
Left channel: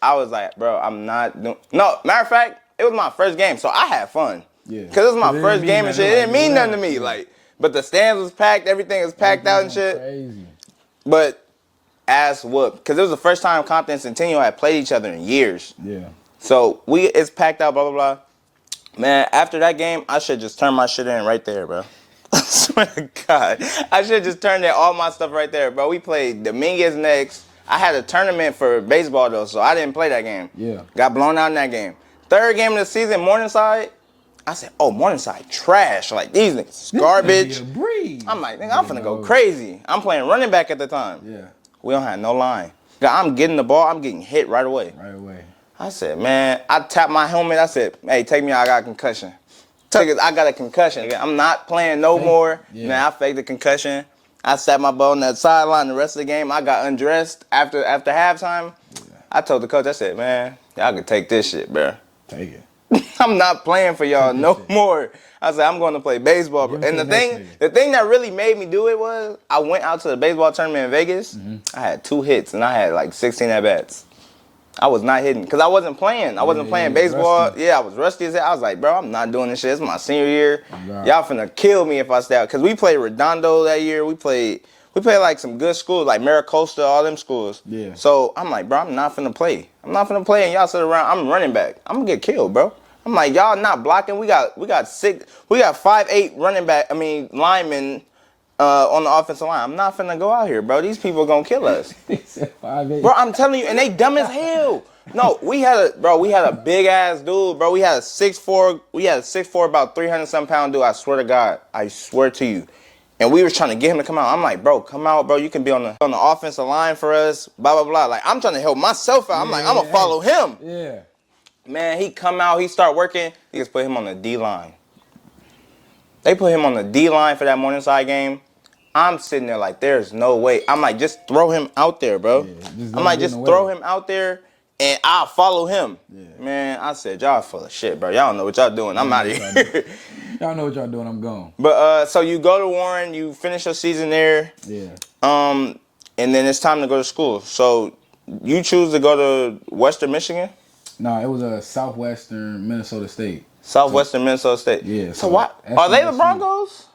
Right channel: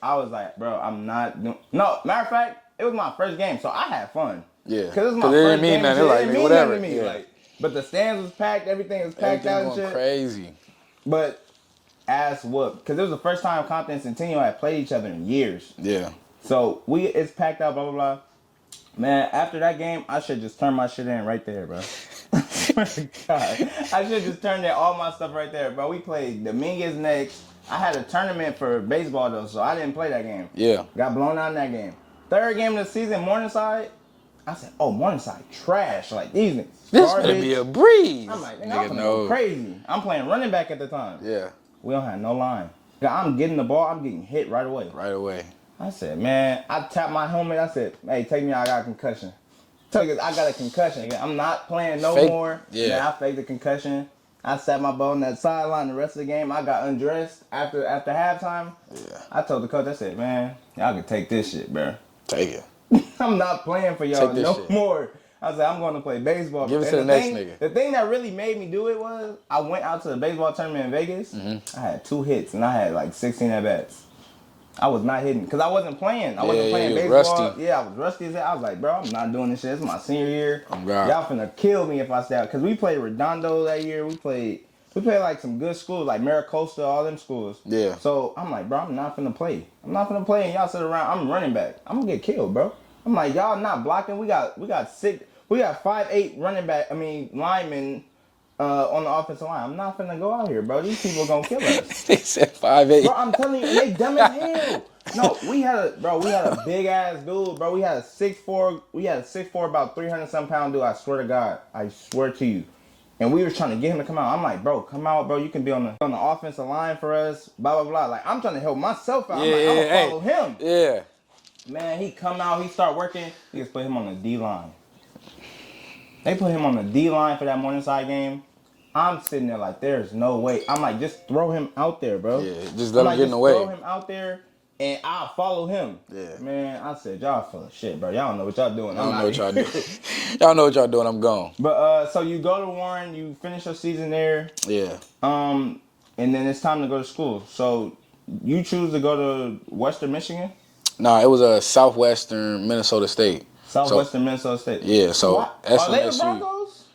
I was like, bro, I'm not doing. No, matter of fact, it was my first game, so I had fun. Yeah. Because it was my 'Cause it first didn't game mean and shit. nothing, It didn't like, mean nothing to whatever, me. yeah. Like, but the stands was packed, everything was packed out and shit. Crazy. But ass whooped. Because it was the first time Compton and Centennial had played each other in years. Yeah. So it's packed out, blah, blah, blah. Man, after that game, I should just turn my shit in right there, bro. I swear to God. I should just turn in all my stuff right there, bro. We played Dominguez next. I had a tournament for baseball, though, so I didn't play that game. Yeah. Got blown out in that game. Third game of the season, Morningside. I said, oh, Morningside trash. Like, these niggas garbage. This gonna be a breeze. I'm like, nigga, I'm finna go no. crazy. I'm playing running back at the time. Yeah. We don't have no line. I'm getting the ball. I'm getting hit right away. Right away. I said, man, I tapped my helmet. I said, hey, take me out. I got a concussion. I got a concussion. I'm not playing no more. Yeah. Man, I faked the concussion. I sat my ball on that sideline the rest of the game. I got undressed after halftime. Yeah. I told the coach, I said, man, y'all can take this shit, bro. Take it. I'm not playing for y'all Take this no shit. more. I said, I'm going to play baseball. Give Bro. it to And the next nigga. the thing that really made me do it was I went out to the baseball tournament in Vegas. I had 2 hits, and I had like 16 at-bats. I was not hitting because I wasn't playing. I wasn't playing you was baseball. rusty. Yeah, I was rusty as hell. I was like, bro, I'm not doing this shit. It's my senior year. Oh, God. Y'all finna kill me if I stay out. Because we played Redondo that year. We played like some good schools, like Maricosta, all them schools. Yeah. So I'm like, bro, I'm not finna play. I'm not finna play, and y'all sit around. I'm running back. I'm gonna get killed, bro. I'm like, y'all not blocking. We got 5'8" linemen on the offensive line. I'm not finna go out here, bro. These people gonna kill us. They said 5'8". Bro, I'm telling you, and they dumb as hell. No, we had a big ass dude, bro. We had a 6'4", about 300-something pound dude. I swear to God, I swear to you. And we were trying to get him to come out. I'm like, bro, come out, bro. You can be on the offensive line for us, blah, blah, blah. Like, I'm trying to help myself out. I'm like, I'm going to follow him. Yeah. Man, he come out, he start working. He just put him on the D-line. They put him on the D-line for that Morningside game. I'm sitting there like, there's no way. I'm like, just throw him out there, bro. Yeah, just I'm let him like, get in just the way. throw him out there, and I'll follow him. Yeah. Man, I said, y'all full of shit, bro. Y'all don't know what y'all doing. I'm out of here. Y'all know what y'all doing. I'm gone. But so you go to Warren, you finish your season there, Yeah. and then it's time to go to school. So you choose to go to Western Michigan, Nah, it was a Southwestern Minnesota State. Southwestern Minnesota State. Yeah, so what? Are they the SMSU. Broncos?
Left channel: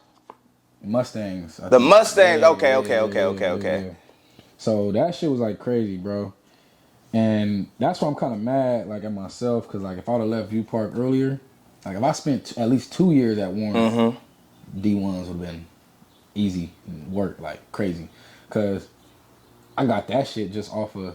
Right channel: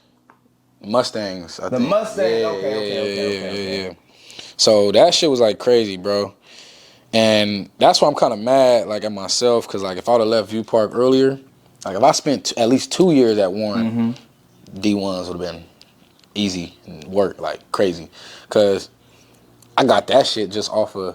Mustangs. I The think. Mustangs. Yeah, Okay. yeah. So that shit was like crazy, bro. And that's why I'm kind of mad, like, at myself, because, like, if I would have left View Park earlier, like, if I spent at least 2 years at Warren, D1s would have been easy work, like, crazy. Because I got that shit just off of,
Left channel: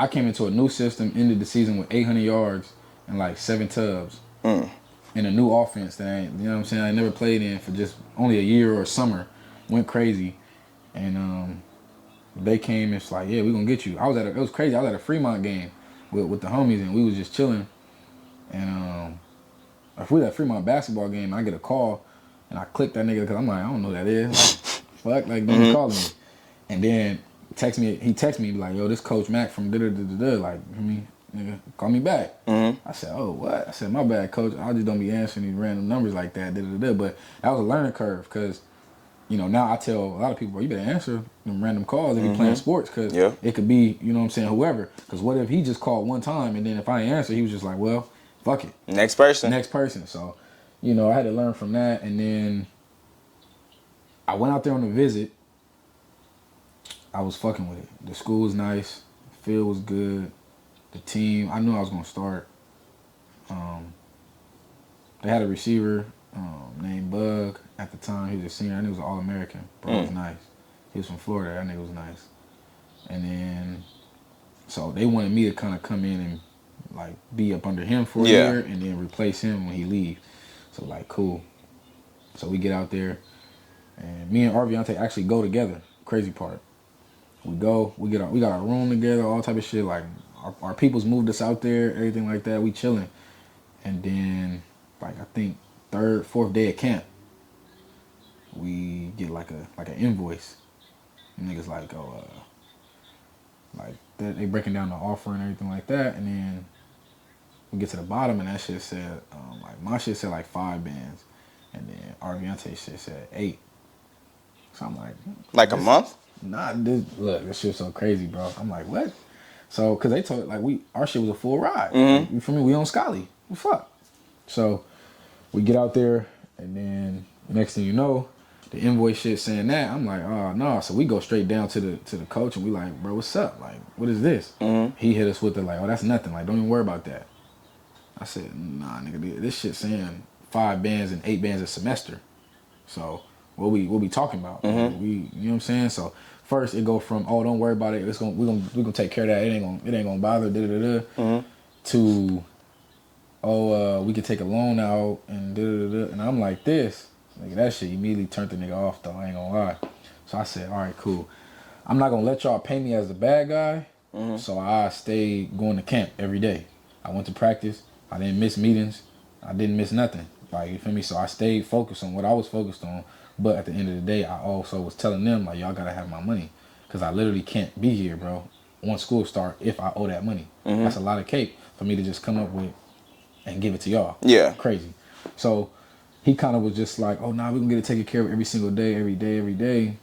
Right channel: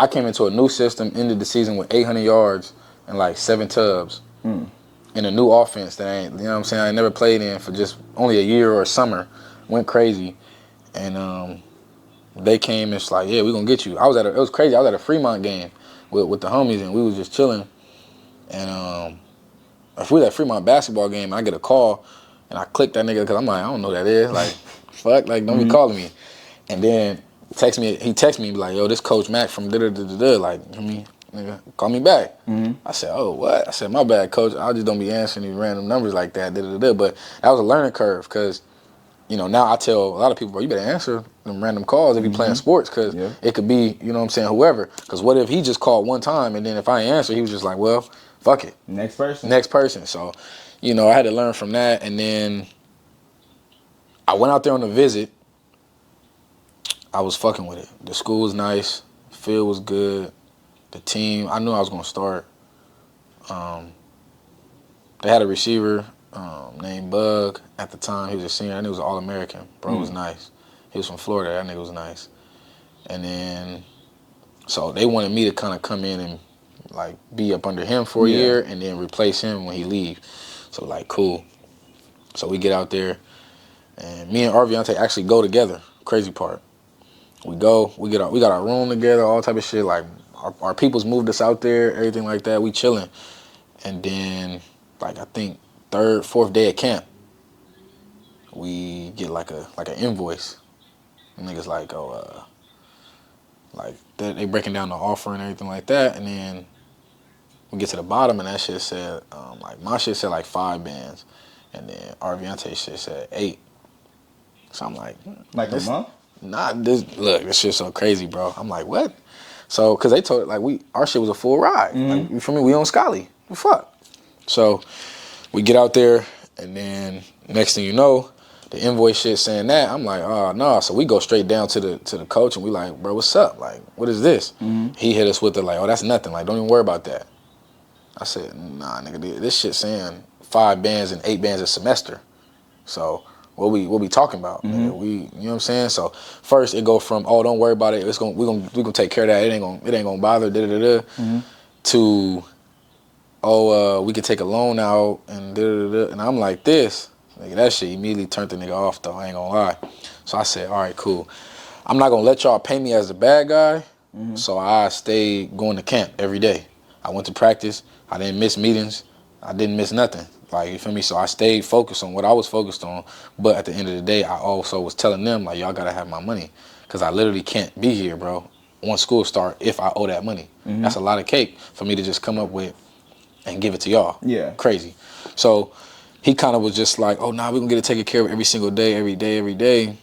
I came into a new system, ended the season with 800 yards and, like, 7 tubs. In a new offense that I ain't, you know what I'm saying, I never played in for just only a year or a summer. Went crazy. And they came and it's like, yeah, we're going to get you. It was crazy. I was at a Fremont game with the homies and we was just chilling. And if we was at Fremont basketball game and I get a call and I click that nigga because I'm like, I don't know who that is. Like, fuck, like, don't be calling me. And then he texted me like, yo, this Coach Mac from da-da-da-da-da, like, you know what I mean? Nigga, call me back. I said, oh, what? I said, my bad, coach. I just don't be answering these random numbers like that. But that was a learning curve because, you know, now I tell a lot of people, bro, you better answer them random calls if you playing sports because it could be, you know what I'm saying, whoever. Because what if he just called one time and then if I ain't answer, he was just like, well, fuck it. Next person. So, you know, I had to learn from that. And then I went out there on a visit. I was fucking with it. The school was nice. The field was good. The team, I knew I was going to start. They had a receiver named Bug at the time. He was a senior. That nigga was an All-American. Bro was nice. He was from Florida. That nigga was nice. And then, so they wanted me to kind of come in and like be up under him for a year and then replace him when he leave. So like, cool. So we get out there, and me and Arviante actually go together. Crazy part. We go, we got our room together, all type of shit. Like our people's moved us out there, everything like that. We chilling. And then, like I think third, fourth day of camp, we get like an invoice. And niggas like, like they breaking down the offer and everything like that. And then we get to the bottom, and that shit said, like my shit said like 5 bands, and then Arviante shit said 8. So I'm like a month? Nah, this shit's so crazy, bro. I'm like, what? So, cause they told like our shit was a full ride. Like, you feel me? We on Scully. What the fuck? So we get out there, and then next thing you know, the invoice shit saying that. I'm like, oh no. So we go straight down to the coach, and we like, bro, what's up? Like, what is this? He hit us with the like, oh, that's nothing. Like, don't even worry about that. I said, nah, nigga, this shit saying 5 bands and 8 bands a semester. So what we talking about? We, you know what I'm saying? So first it go from, oh, don't worry about it. We're gonna take care of that. It ain't gonna bother. To, oh, we could take a loan out and and I'm like this. Nigga, that shit immediately turned the nigga off though. I ain't gonna lie. So I said, all right, cool. I'm not gonna let y'all paint me as the bad guy. So I stayed going to camp every day. I went to practice. I didn't miss meetings. I didn't miss nothing. Like, you feel me? So I stayed focused on what I was focused on. But at the end of the day, I also was telling them, like, y'all gotta have my money. Because I literally can't be here, bro, once school start if I owe that money. That's a lot of cake for me to just come up with and give it to y'all. Yeah. Crazy. So he kind of was just like, oh, nah, we're gonna get it taken care of every single day, every day.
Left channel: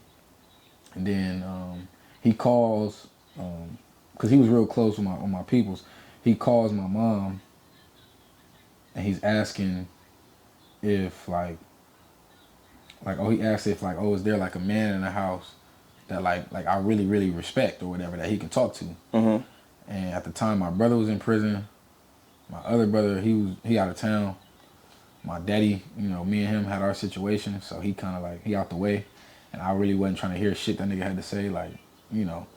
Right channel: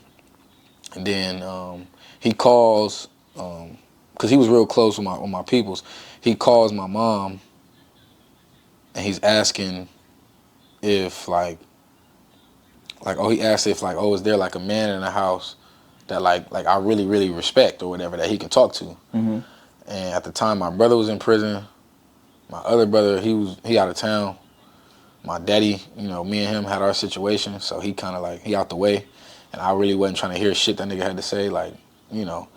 And then he calls, because he was real close with my peoples. He calls my mom, and he's asking if he asked if is there like a man in the house that like I really, really respect or whatever that he can talk to. And at the time my brother was in prison. My other brother, he out of town. My daddy, you know, me and him had our situation, so he kind of like, he out the way. And I really wasn't trying to hear shit that nigga had to say, like, you know.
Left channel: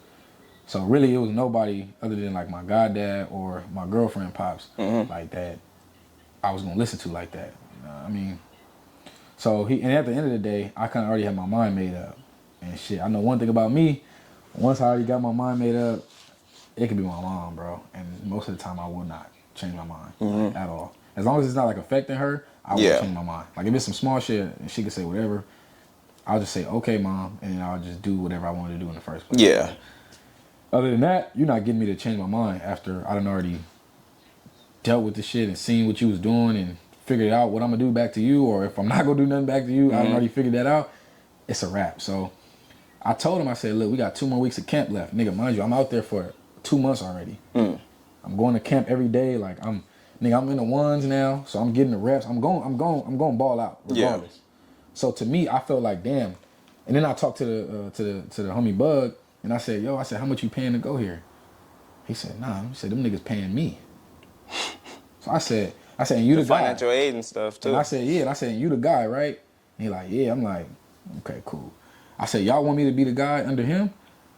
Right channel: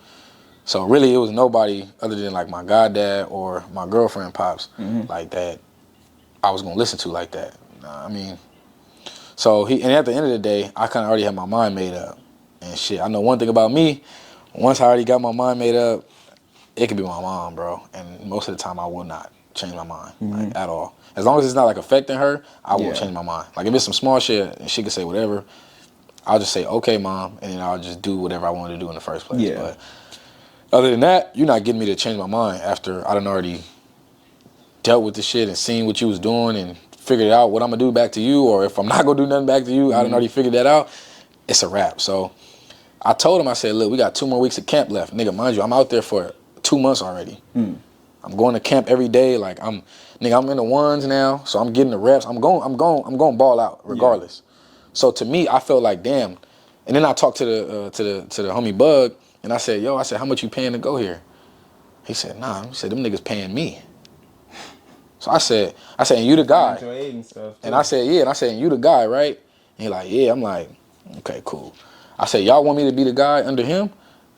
So really it was nobody other than like my goddad or my girlfriend pops like that I was gonna listen to like that. You know what I mean? So and at the end of the day, I kind of already had my mind made up. And shit, I know one thing about me, once I already got my mind made up, it could be my mom, bro. And most of the time I will not change my mind like, at all. As long as it's not like affecting her, I won't change my mind. Like if it's some small shit and she can say whatever, I'll just say, okay, mom, and then I'll just do whatever I wanted to do in the first place. Yeah. But other than that, you're not getting me to change my mind after I done already dealt with the shit and seen what you was doing and figured out what I'm gonna do back to you, or if I'm not gonna do nothing back to you, I done already figured that out. It's a wrap. So I told him, I said, look, we got 2 more weeks of camp left. Nigga, mind you, I'm out there for 2 months already. I'm going to camp every day. Like I'm in the ones now, so I'm getting the reps. I'm going ball out regardless. Yeah. So to me, I felt like damn. And then I talked to the homie Bug, and I said, how much you paying to go here? He said, nah. He said, them niggas paying me. So I said, and you the guy. Financial aid and stuff too. And I said, yeah. And I said, and you the guy, right? And he like, yeah. I'm like, okay, cool. I said, y'all want me to be the guy under him?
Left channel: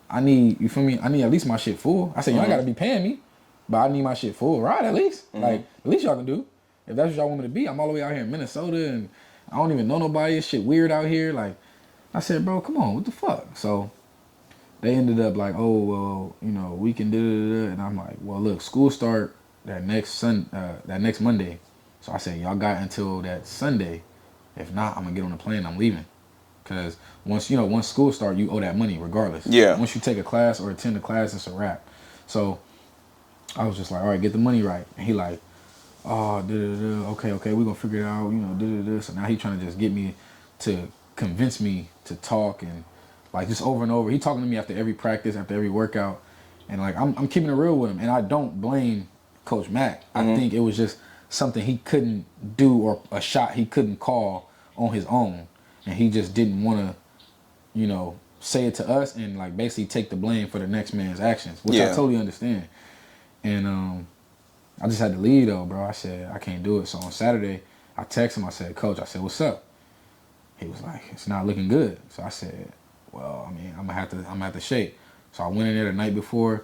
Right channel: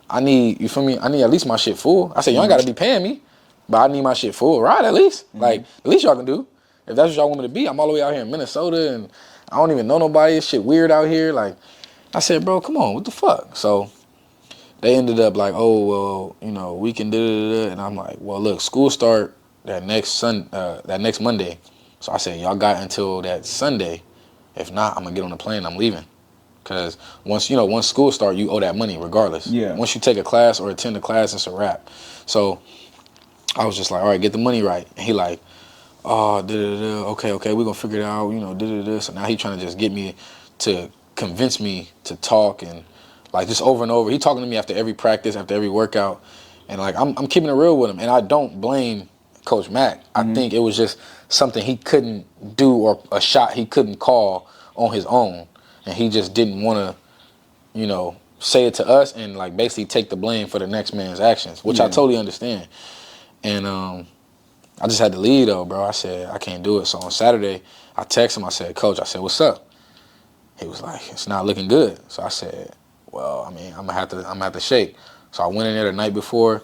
I need, you feel me? I need at least my shit full. I said, y'all ain't gotta be paying me, but I need my shit full, right? At least. Like, at least y'all can do. If that's what y'all want me to be, I'm all the way out here in Minnesota and I don't even know nobody. It's shit weird out here. Like, I said, bro, come on, what the fuck? So they ended up like, oh, well, you know, we can do. And I'm like, well, look, school start that next Monday. So I said, y'all got until that Sunday. If not, I'm gonna get on the plane. I'm leaving. Cause once school start, you owe that money regardless. Yeah. Once you take a class or attend a class, it's a wrap. So I was just like, all right, get the money right. And he like, oh, okay, we're gonna figure it out, you know, So now he trying to just get me to convince me to talk and like just over and over. He talking to me after every practice, after every workout. And like I'm keeping it real with him. And I don't blame Coach Mack. I think it was just something he couldn't do or a shot he couldn't call on his own, and he just didn't want to, you know, say it to us and like basically take the blame for the next man's actions, which I totally understand. And I just had to leave though, bro. I said I can't do it. So on Saturday, I texted him. I said, Coach, I said, what's up? He was like, it's not looking good. So I said, well, I mean, I'm gonna have to shake. So I went in there the night before,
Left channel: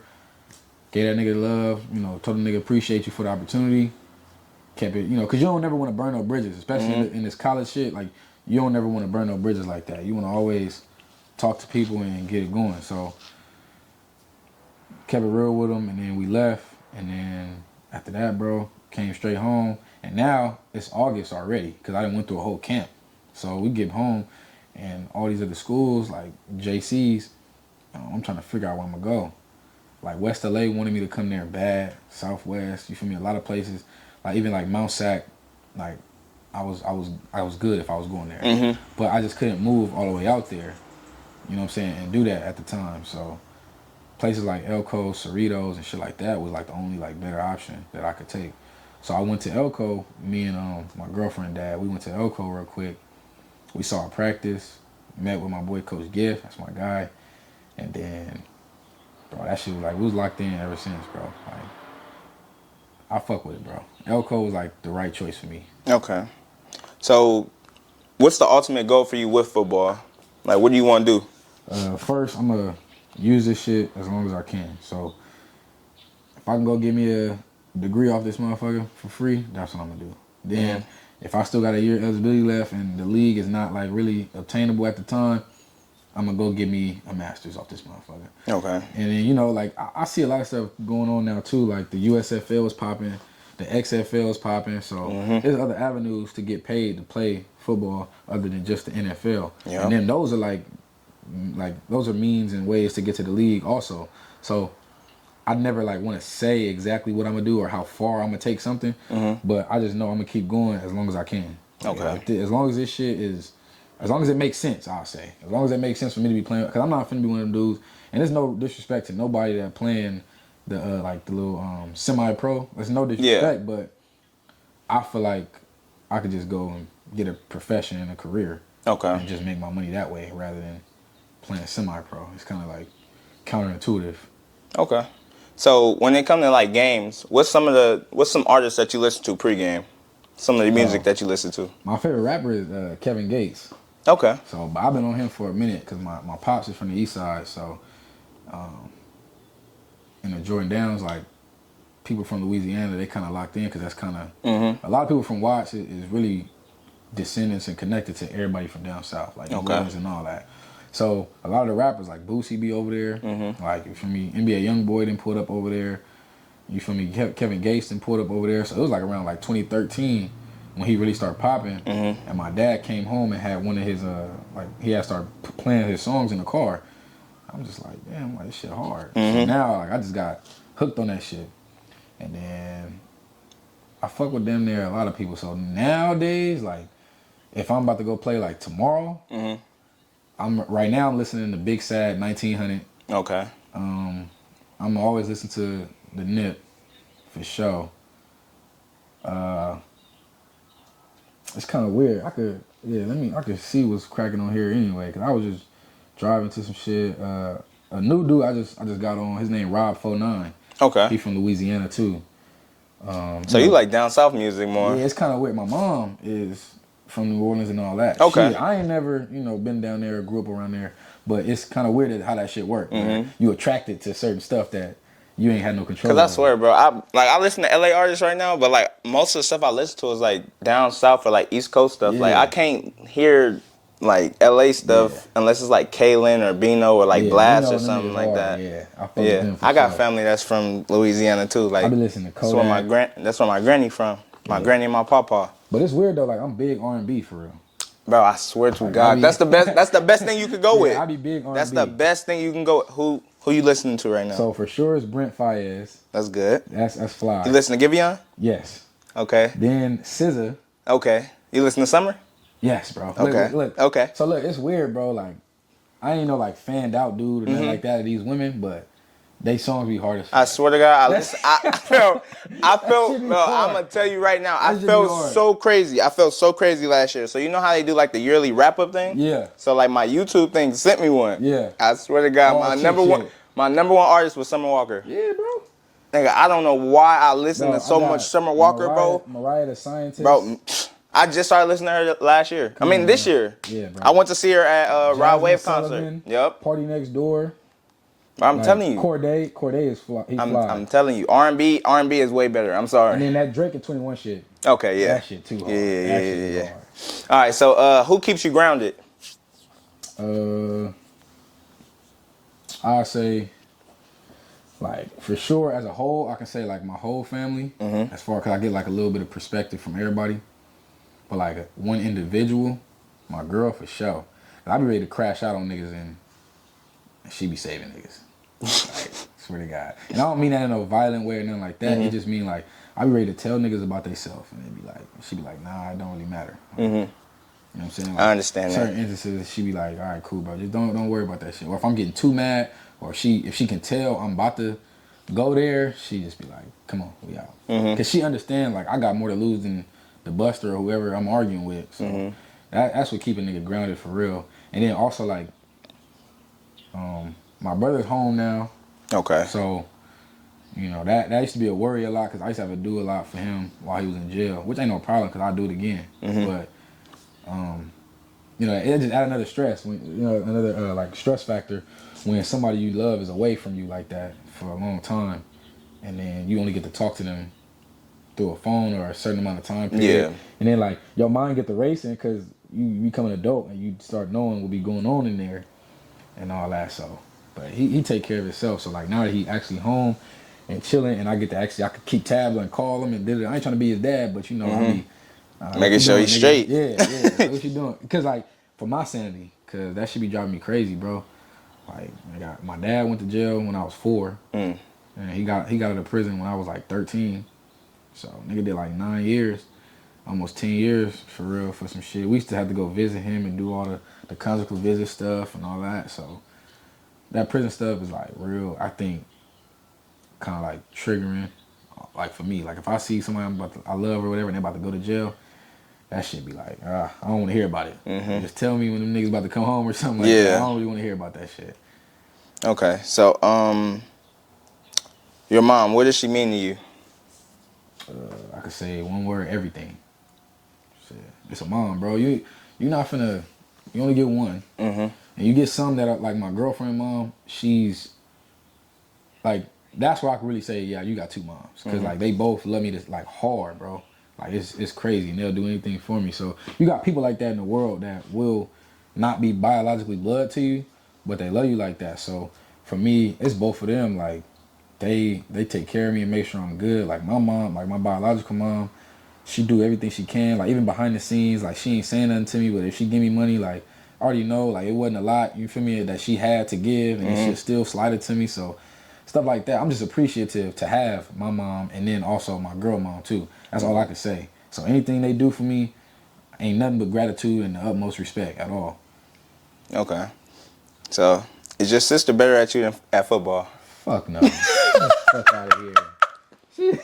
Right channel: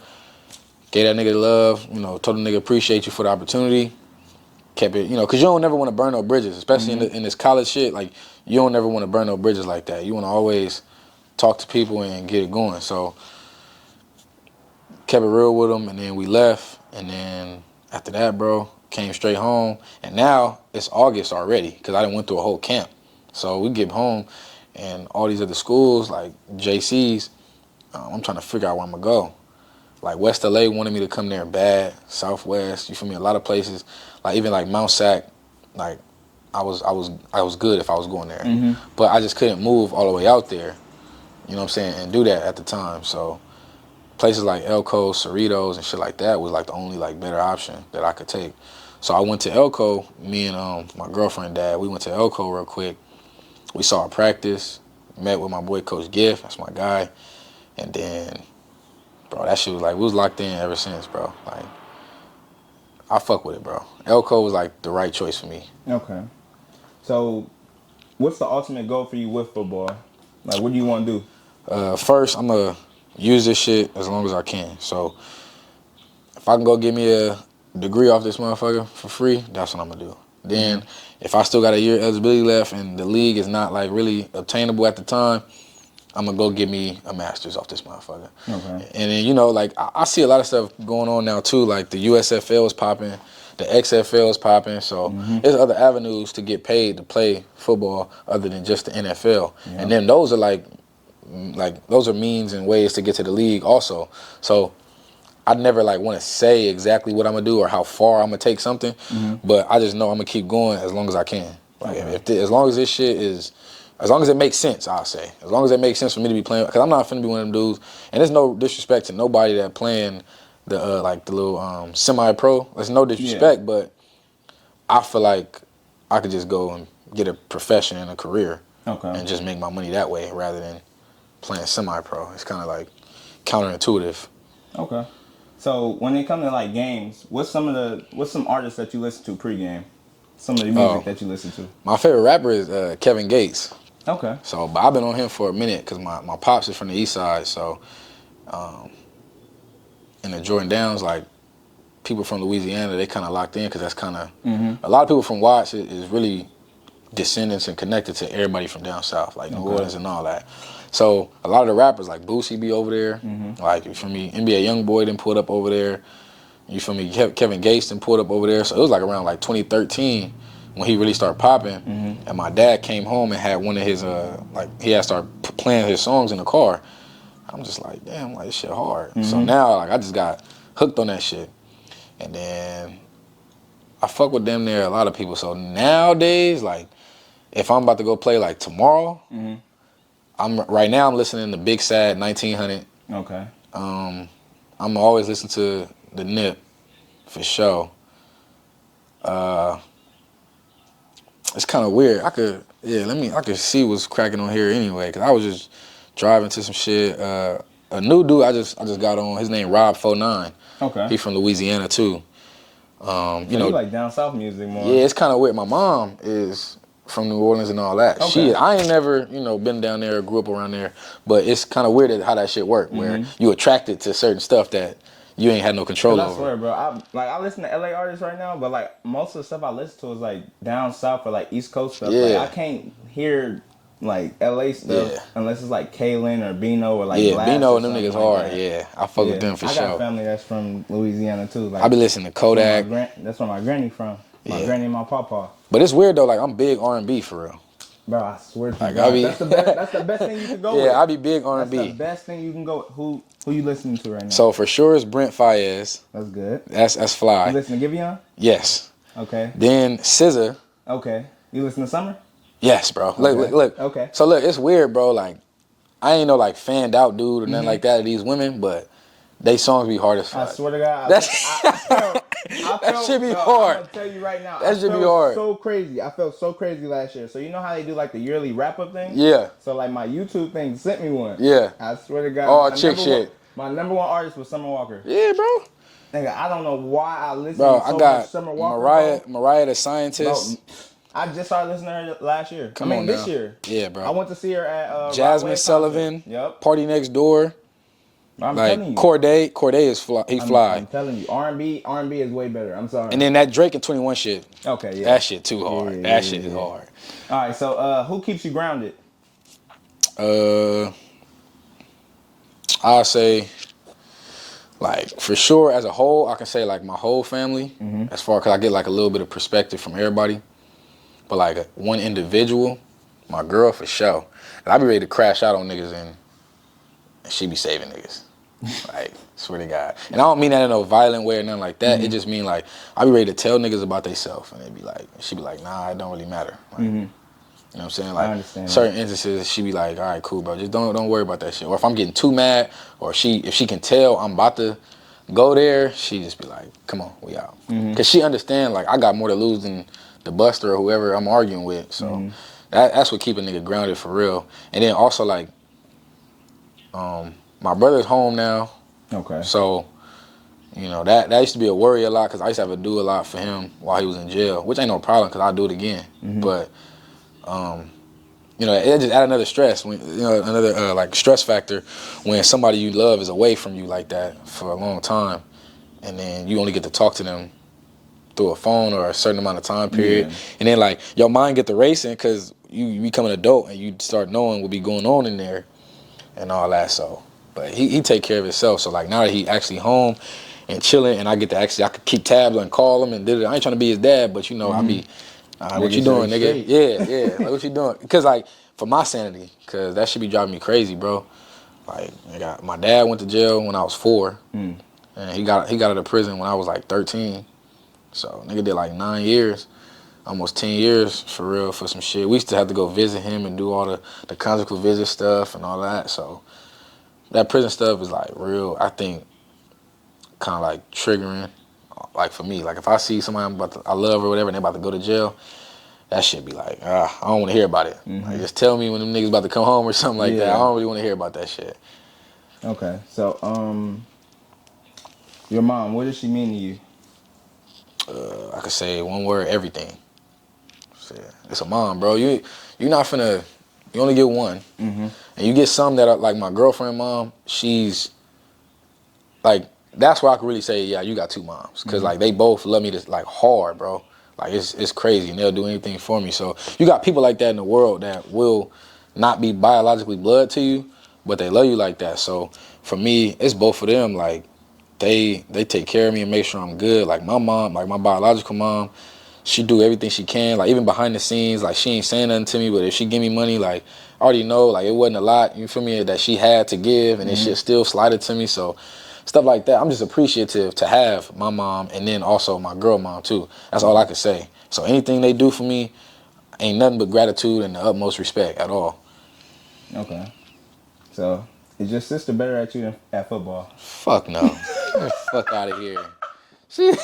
gave that nigga love, you know, told the nigga appreciate you for the opportunity. Kept it, you know, because you don't never want to burn no bridges, especially in this college shit. Like, you don't never want to burn no bridges like that. You want to always talk to people and get it going. So kept it real with him, and then we left. And then after that, bro, came straight home. And now it's August already because I done went through a whole camp. So we get home, and all these other schools, like JC's, I'm trying to figure out where I'm going to go. Like West LA wanted me to come there bad, Southwest, you feel me? A lot of places, like even like Mount Sac, like I was good if I was going there. But I just couldn't move all the way out there, you know what I'm saying, and do that at the time. So places like Elko, Cerritos, and shit like that was like the only like better option that I could take. So I went to Elko, me and my girlfriend, dad, we went to Elko real quick. We saw a practice, met with my boy Coach Giff, that's my guy, and then, bro, that shit was like, we was locked in ever since, bro. Like, I fuck with it, bro. Elko was like the right choice for me. Okay. So, what's the ultimate goal for you with football? Like, what do you want to do? First, I'm going to use this shit as long as I can. So, if I can go get me a degree off this motherfucker for free, that's what I'm going to do. Then, if I still got a year eligibility left and the league is not like really obtainable at the time, I'm gonna go get me a master's off this motherfucker. Okay. And then, you know, like I see a lot of stuff going on now too, like the USFL is popping, the XFL is popping, so there's other avenues to get paid to play football other than just the NFL. Yeah. And then those are those are means and ways to get to the league also. So I never like want to say exactly what I'm gonna do or how far I'm gonna take something, but I just know I'm gonna keep going as long as I can. Like, Okay. as long as this shit is, as long as it makes sense, I'll say. As long as it makes sense for me to be playing, because I'm not finna be one of them dudes. And there's no disrespect to nobody that playing the like the little semi-pro. There's no disrespect, but I feel like I could just go and get a profession and a career, and just make my money that way rather than playing semi-pro. It's kind of like counterintuitive. Okay. So when it comes to like games, what's some artists that you listen to pregame? Some of the music that you listen to? My favorite rapper is Kevin Gates. Okay. So, but I've been on him for a minute because my pops is from the east side. So, and the Jordan Downs, like, people from Louisiana, they kind of locked in because that's kind of, a lot of people from Watts is really descendants and connected to everybody from down south, like New Orleans and all that. So, a lot of the rappers, like Boosie be over there. Like, you feel me, NBA Youngboy done pulled up over there. You feel me, Kevin Gates done pulled up over there. So, it was like around like 2013 when he really started popping, and my dad came home and had one of his, he had started playing his songs in the car. I'm just like, damn, like, this shit hard. So now, like, I just got hooked on that shit. And then I fuck with them there, a lot of people. So nowadays, like, if I'm about to go play, like, tomorrow, right now I'm listening to Big Sad 1900. Okay. I'm always listening to the Nip, for sure. It's kind of weird. I could see what's cracking on here anyway, because I was just driving to some shit. A new dude I just got on, his name Rob49. Okay. He from Louisiana too. So you like down south music more? Yeah, it's kind of weird. My mom is from New Orleans and all that. Okay. I ain't never, been down there or grew up around there, but it's kind of weird how that shit work, where you attracted to certain stuff that you ain't had no control over. I swear, bro, I listen to LA artists right now, but like most of the stuff I listen to is like down south or like East Coast stuff. Yeah. Like I can't hear like LA stuff unless it's like Kaylin or Bino or like Blast Bino or and them something niggas like hard. that. Yeah, I fuck with them for I sure. got family that's from Louisiana too. Like I be listening to Kodak. That's where my granny from. My granny and my papa. But it's weird though. Like I'm big R&B for real. Bro, I swear to Like, God, that's the best. That's the best thing you could go with. Yeah, I be big R&B. That's the best thing you can go with. Who you listening to right now? So for sure it's Brent Faiyaz. That's good. That's fly. You listen to Giveon? Yes. Okay. Then SZA. Okay. You listen to Summer? Yes, bro. Okay. Look. Okay. So look, it's weird, bro. Like, I ain't no like fanned out dude or nothing like that of these women, but They songs be hard as fuck. I swear to God, I felt, should be bro, hard. I'm gonna tell you right now, That I should be felt hard. so crazy. I felt so crazy last year. So you know how they do like the yearly wrap up thing? Yeah. So like my YouTube thing sent me one. Yeah. I swear to God, Oh, chick shit. my number one artist was Summer Walker. Yeah, bro. Nigga, I don't know why I listen Bro, to so much Summer Walker, Mariah the Scientist. bro. I just started listening to her last year. on this now. year. Yeah, bro. I went to see her at Rod Jasmine Wave Sullivan. concert. Yep. Party Next Door. I'm Like, telling you. Corday is fly. He fly. I'm telling you. R&B is way better. I'm sorry. And then that Drake and 21 shit. okay, yeah. That shit too hard. That shit is hard. All right, so who keeps you grounded? I'll say, like, for sure, as a whole, I can say, like, my whole family, as far, because I get, like, a little bit of perspective from everybody. But, like, one individual, my girl, for sure. And I be ready to crash out on niggas, and she be saving niggas. Like, swear to God. And I don't mean that in no violent way or nothing like that. It just mean, like, I be ready to tell niggas about theyself, and they be like, she be like, nah, it don't really matter. Like, you know what I'm saying? Like, I understand that. certain instances, she be like, all right, cool, bro. Just don't worry about that shit. Or if I'm getting too mad, or if she can tell I'm about to go there, she just be like, come on, we out. Because she understand, like, I got more to lose than the Buster or whoever I'm arguing with. So that's what keep a nigga grounded for real. And then also, like, my brother's home now. Okay. So, you know, that used to be a worry a lot because I used to have to do a lot for him while he was in jail, which ain't no problem because I'll do it again. But, you know, it just add another stress, another like stress factor when somebody you love is away from you like that for a long time, and then you only get to talk to them through a phone or a certain amount of time period, and then like your mind get to racing because you become an adult and you start knowing what be going on in there and all that. So, but he take care of himself. So like now that he actually home and chilling, and I get to I could keep tabs and call him and did it. I ain't trying to be his dad, but you know I be. Making sure he's straight. Yeah. Like, what you doing? Because, like, for my sanity, because that should be driving me crazy, bro. Like, my dad went to jail when I was 4. And he got out of prison when I was, like, 13. So, nigga did, like, 9 years, almost 10 years, for real, for some shit. We used to have to go visit him and do all the conjugal visit stuff and all that. So, that prison stuff is, like, real, I think, kind of, like, triggering. Like, for me, like, if I see somebody I love or whatever and they about to go to jail, that shit be like, I don't want to hear about it. Like, just tell me when them niggas about to come home or something like that. I don't really want to hear about that shit. Okay, so, your mom, what does she mean to you? I could say one word, everything. It's a mom, bro. You're not finna, you only get one. And you get some that are, like my girlfriend mom, she's, like, that's where I can really say, yeah, you got 2 moms. Because, like, they both love me like, hard, bro. Like, it's crazy, and they'll do anything for me. So, you got people like that in the world that will not be biologically blood to you, but they love you like that. So, for me, it's both of them. Like, they take care of me and make sure I'm good. Like, my mom, like, my biological mom, she do everything she can. Like, even behind the scenes, like, she ain't saying nothing to me, but if she give me money, like, I already know, like, it wasn't a lot, you feel me, that she had to give, and then shit still slided to me. So, stuff like that. I'm just appreciative to have my mom and then also my girl mom too. That's all I can say. So anything they do for me ain't nothing but gratitude and the utmost respect at all. Okay. So, is your sister better at you than at football? Fuck no. Get the fuck out of here.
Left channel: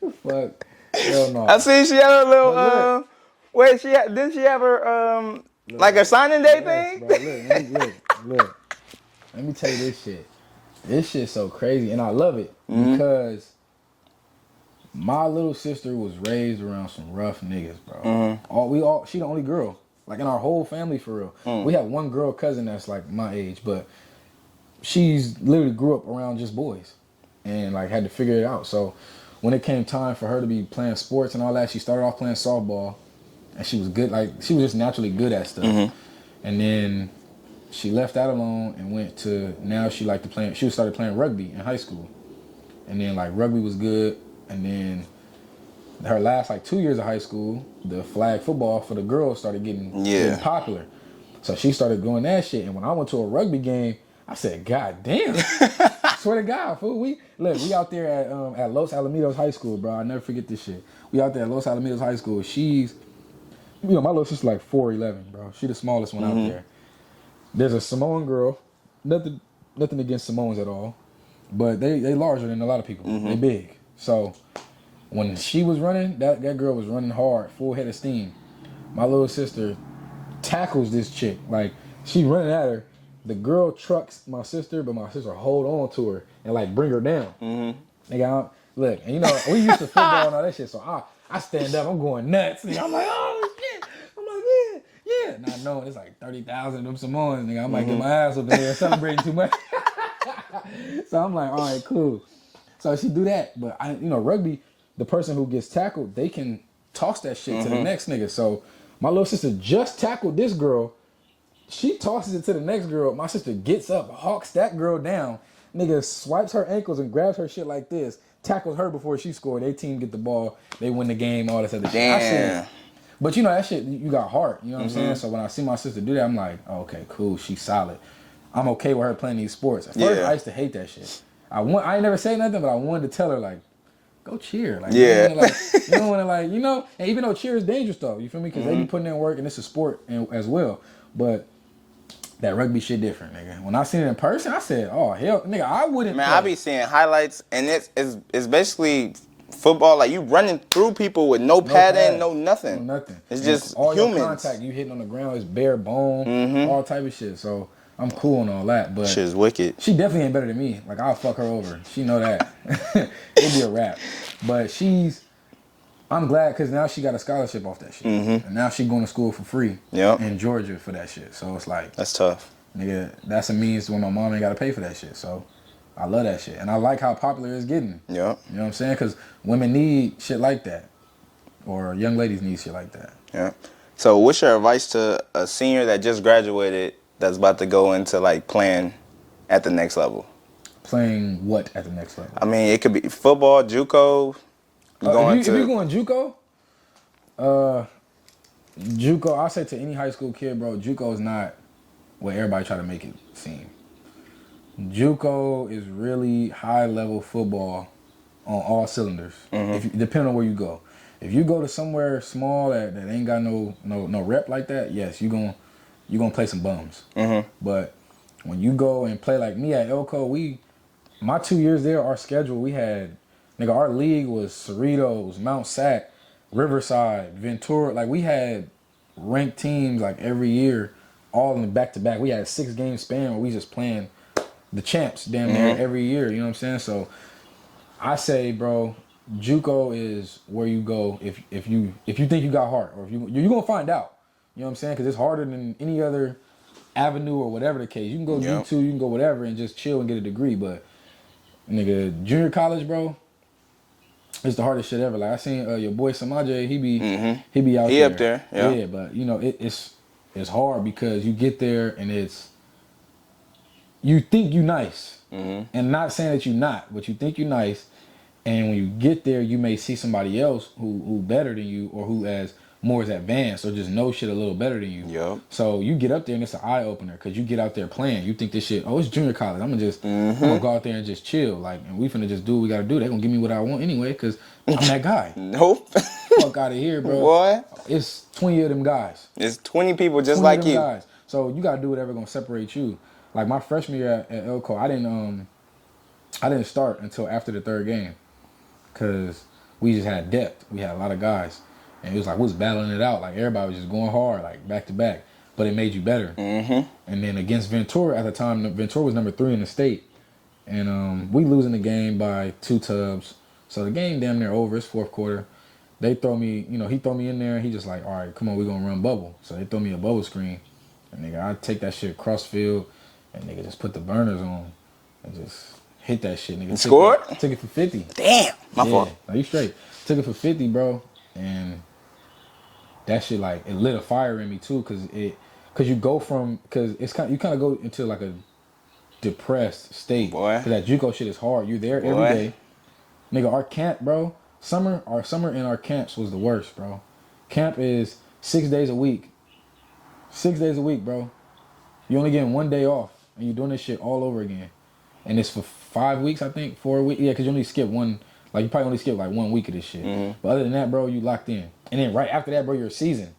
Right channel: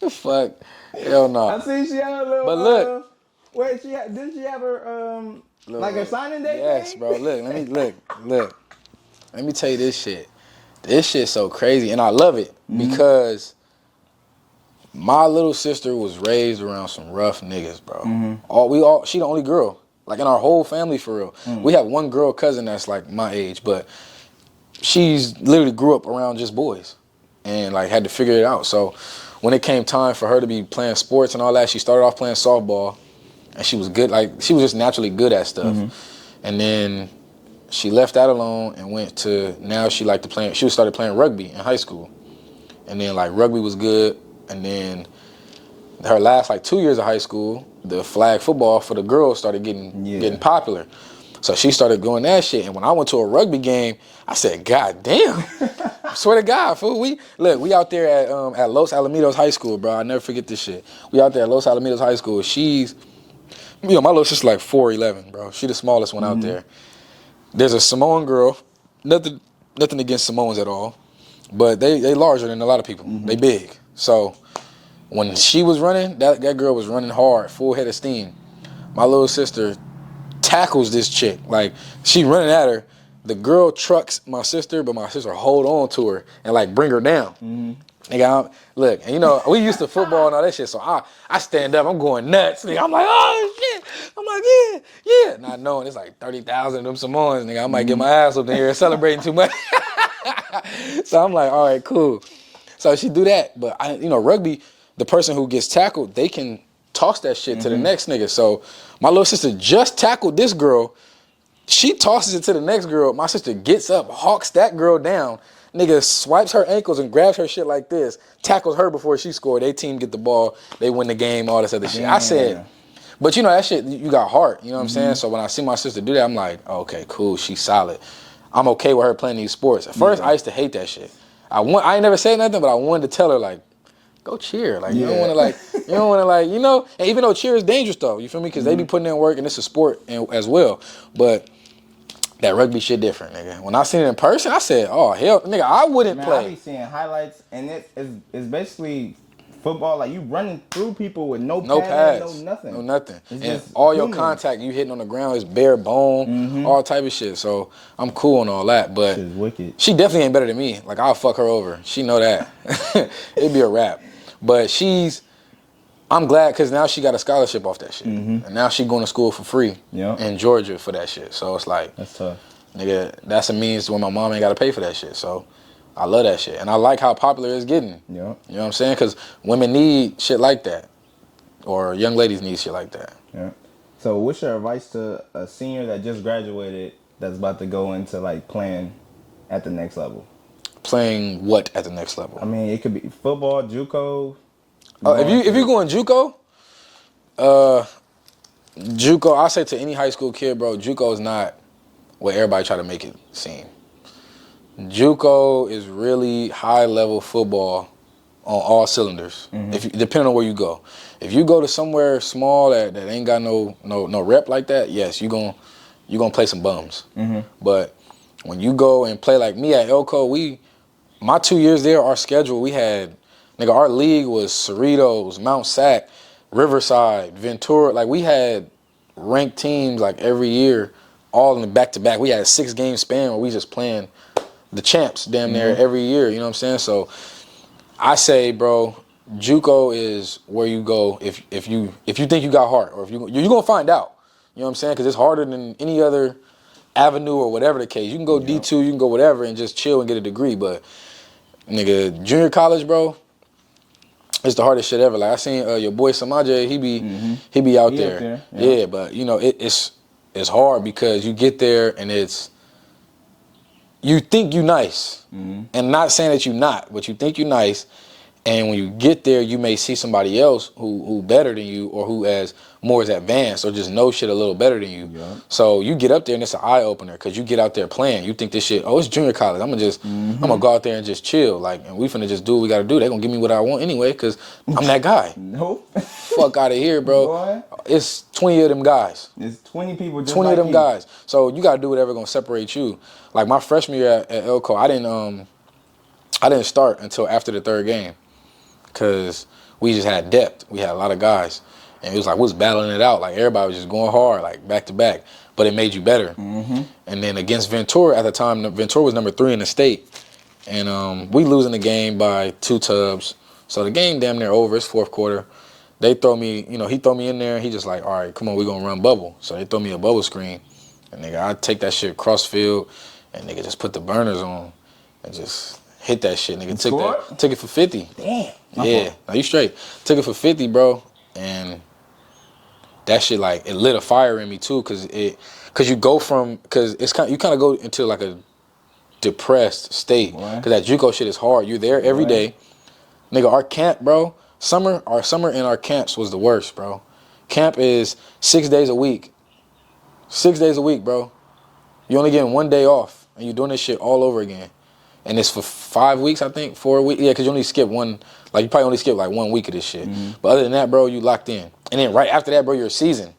The fuck? Hell no. I see she had a little, But look. didn't she have her, like a signing day Yes, thing? bro. Look. Let me tell you this shit. This shit's so crazy, and I love it because my little sister was raised around some rough niggas, bro. She the only girl, like in our whole family for real. We have one girl cousin that's like my age, but she's literally grew up around just boys, and like had to figure it out. So when it came time for her to be playing sports and all that, she started off playing softball, and she was good. Like she was just naturally good at stuff, and then she left that alone and went to, now she started playing rugby in high school. And then like rugby was good. And then her last like 2 years of high school, the flag football for the girls started getting popular. So she started doing that shit. And when I went to a rugby game, I said, God damn. I swear to God, fool. We out there at Los Alamitos High School, bro. I'll never forget this shit. We out there at Los Alamitos High School. She's, my little sister's like 4'11", bro. She the smallest one out there. There's a Samoan girl, nothing against Samoans at all. but they larger than a lot of people. Mm-hmm. They big. So when she was running, that girl was running hard, full head of steam. My little sister tackles this chick. Like, she running at her. The girl trucks my sister, but my sister hold on to her and, like, bring her down. Mm-hmm. Nigga, look, and you know, we used to football and all that shit, so I stand up, I'm going nuts. Nigga, I'm like, oh, shit. I'm like, yeah. Not knowing it's like 30,000 of them Samoans, nigga. I might get my ass up there celebrating too much. So I'm like, all right, cool. So she do that, but rugby, the person who gets tackled, they can toss that shit to the next nigga. So my little sister just tackled this girl. She tosses it to the next girl. My sister gets up, hawks that girl down. Nigga swipes her ankles and grabs her shit like this, tackles her before she scored. They team get the ball, they win the game, all this other shit. I said, but that shit, you got heart, you know what I'm saying? So when I see my sister do that, I'm like, okay, cool, she's solid. I'm okay with her playing these sports. At first, I used to hate that shit. I ain't never said nothing, but I wanted to tell her, like, go cheer. Like, you don't want to, and even though cheer is dangerous, though, you feel me? Because they be putting in work, and it's a sport as well. But that rugby shit different, nigga. When I seen it in person, I said, oh, hell, nigga, I wouldn't play. I be seeing highlights, and it's basically football. Like, you running through people with no padding, no nothing. No nothing. It's just all humans. your contact, you hitting on the ground, is bare bone, all type of shit. So I'm cool on all that, but shit's wicked. She definitely ain't better than me. Like, I'll fuck her over. She know that. It'd be a wrap. But I'm glad because now she got a scholarship off that shit. And now she going to school for free in Georgia for that shit. So it's like, that's tough. Nigga, that's a means where my mom ain't got to pay for that shit. So I love that shit. And I like how popular it's getting. Yeah. You know what I'm saying? Because women need shit like that. Or young ladies need shit like that. Yeah. So what's your advice to a senior that just graduated that's about to go into, like, playing at the next level? Playing what at the next level? I mean, it could be football, JUCO. If you're going JUCO, JUCO, I say to any high school kid, bro, JUCO is not what everybody try to make it seem. JUCO is really high-level football on all cylinders, depending on where you go. If you go to somewhere small that ain't got no rep like that, yes, you gonna play some bums. But when you go and play like me at Elko, my 2 years there, our schedule, we had, nigga, our league was Cerritos, Mount Sac, Riverside, Ventura. Like, we had ranked teams like every year, all in the back-to-back. We had a 6-game span where we just playing the champs damn near every year, you know what I'm saying? So I say, bro, JUCO is where you go if you think you got heart, or you're gonna find out. You know what I'm saying? Because it's harder than any other avenue or whatever the case. You can go D2, you can go whatever and just chill and get a degree. But nigga, junior college, bro, it's the hardest shit ever. Like, I seen your boy Samaje, he be out there. Up there. Yeah, but it's hard because you get there and you think you nice. And not saying that you not, but you think you nice. And when you get there, you may see somebody else who better than you, or who is advanced, or just knows shit a little better than you. Yep. So you get up there and it's an eye opener because you get out there playing. You think this shit, it's junior college. I'm gonna go out there and just chill. Like, and we finna just do what we gotta do. They gonna give me what I want anyway because I'm that guy. Nope. Fuck out of here, bro. Boy. It's 20 of them guys. It's 20 people just 20 like of them you. guys. So you gotta do whatever gonna separate you. Like, my freshman year at Elko, I didn't start until after the third game. Because we just had depth. We had a lot of guys. And it was like, we was battling it out. Like, everybody was just going hard, like, back to back. But it made you better. And then against Ventura, at the time, Ventura was number 3 in the state. And we losing the game by 2 tubs. So the game damn near over. It's fourth quarter. They throw me, he throw me in there. And he just like, all right, come on, we going to run bubble. So they throw me a bubble screen. And, nigga, I take that shit cross field. And, nigga, just put the burners on. And just hit that shit, nigga. Took it for 50. Damn. My fault. No, you straight. Took it for 50, bro. And that shit, like, it lit a fire in me too, cause you go from, you kind of go into like a depressed state. Boy. Cause that JUCO shit is hard. You're there every day. Nigga, our camp, bro, our summer in our camps was the worst, bro. Camp is 6 days a week. 6 days a week, bro. You only getting 1 day off, and you're doing this shit all over again. And it's for 5 weeks, I think, 4 weeks. Yeah, because you only skip one, like, you probably only skip like 1 week of this shit. But other than that, bro, you locked in. And then right after that, bro, you're a season.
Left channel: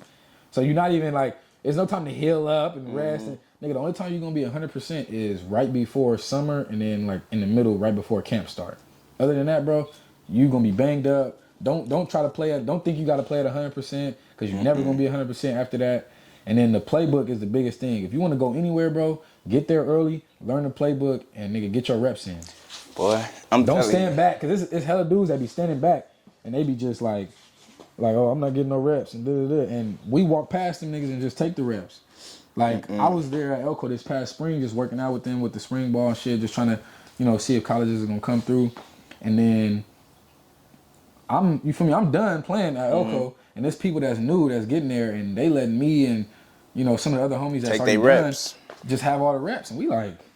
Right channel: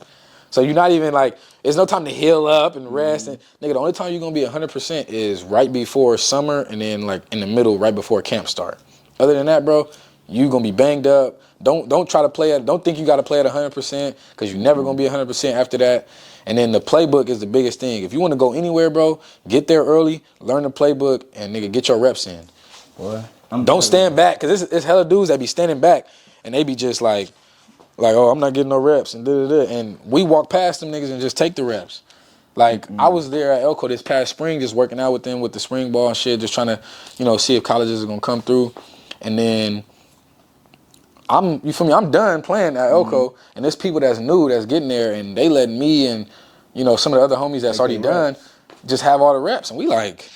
So you're not even like, It's no time to heal up and rest. And nigga, the only time you're gonna be 100% is right before summer and then like in the middle, right before camp start. Other than that, bro, you gonna be banged up. Don't try to play at. Don't think you gotta play at 100% because you're never gonna be 100% after that. And then the playbook is the biggest thing. If you want to go anywhere, bro, get there early, learn the playbook, and nigga, get your reps in. Boy, Don't stand back, because it's hella dudes that be standing back, and they be just like, oh, I'm not getting no reps, and da-da-da. And we walk past them niggas and just take the reps. Like, I was there at Elko this past spring, just working out with them with the spring ball and shit, just trying to, see if colleges are going to come through. And then you feel me? I'm done playing at Elko, and there's people that's new that's getting there, and they letting me and some of the other homies that's already done just have all the reps, and we like,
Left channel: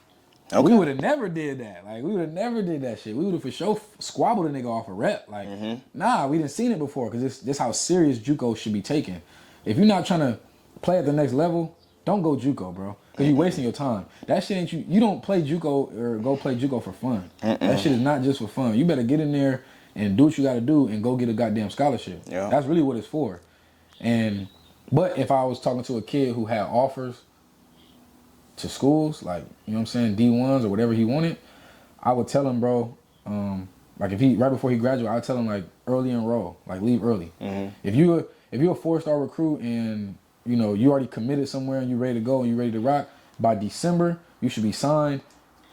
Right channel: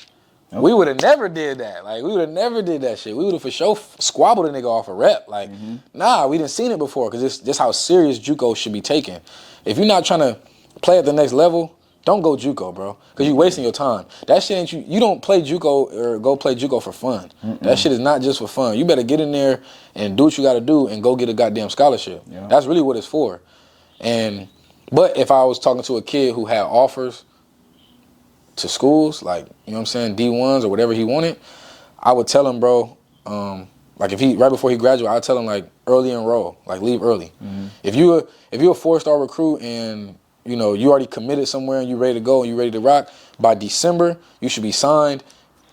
we would have never did that. Like, we would have never did that shit. We would have for sure squabbled a nigga off a rep. Like, nah, we didn't seen it before, because this how serious JUCO should be taken. If you're not trying to play at the next level, don't go JUCO, bro, because you're wasting your time. That shit ain't you don't play JUCO or go play JUCO for fun. That shit is not just for fun. You better get in there and do what you got to do and go get a goddamn scholarship. Yeah. That's really what it's for. But if I was talking to a kid who had offers to schools, like, you know what I'm saying, D1s or whatever he wanted, I would tell him, bro, like if he, right before he graduated, I'd tell him like early enroll, like leave early. If you're a 4-star recruit and you already committed somewhere and you ready to go and you ready to rock, by December, you should be signed.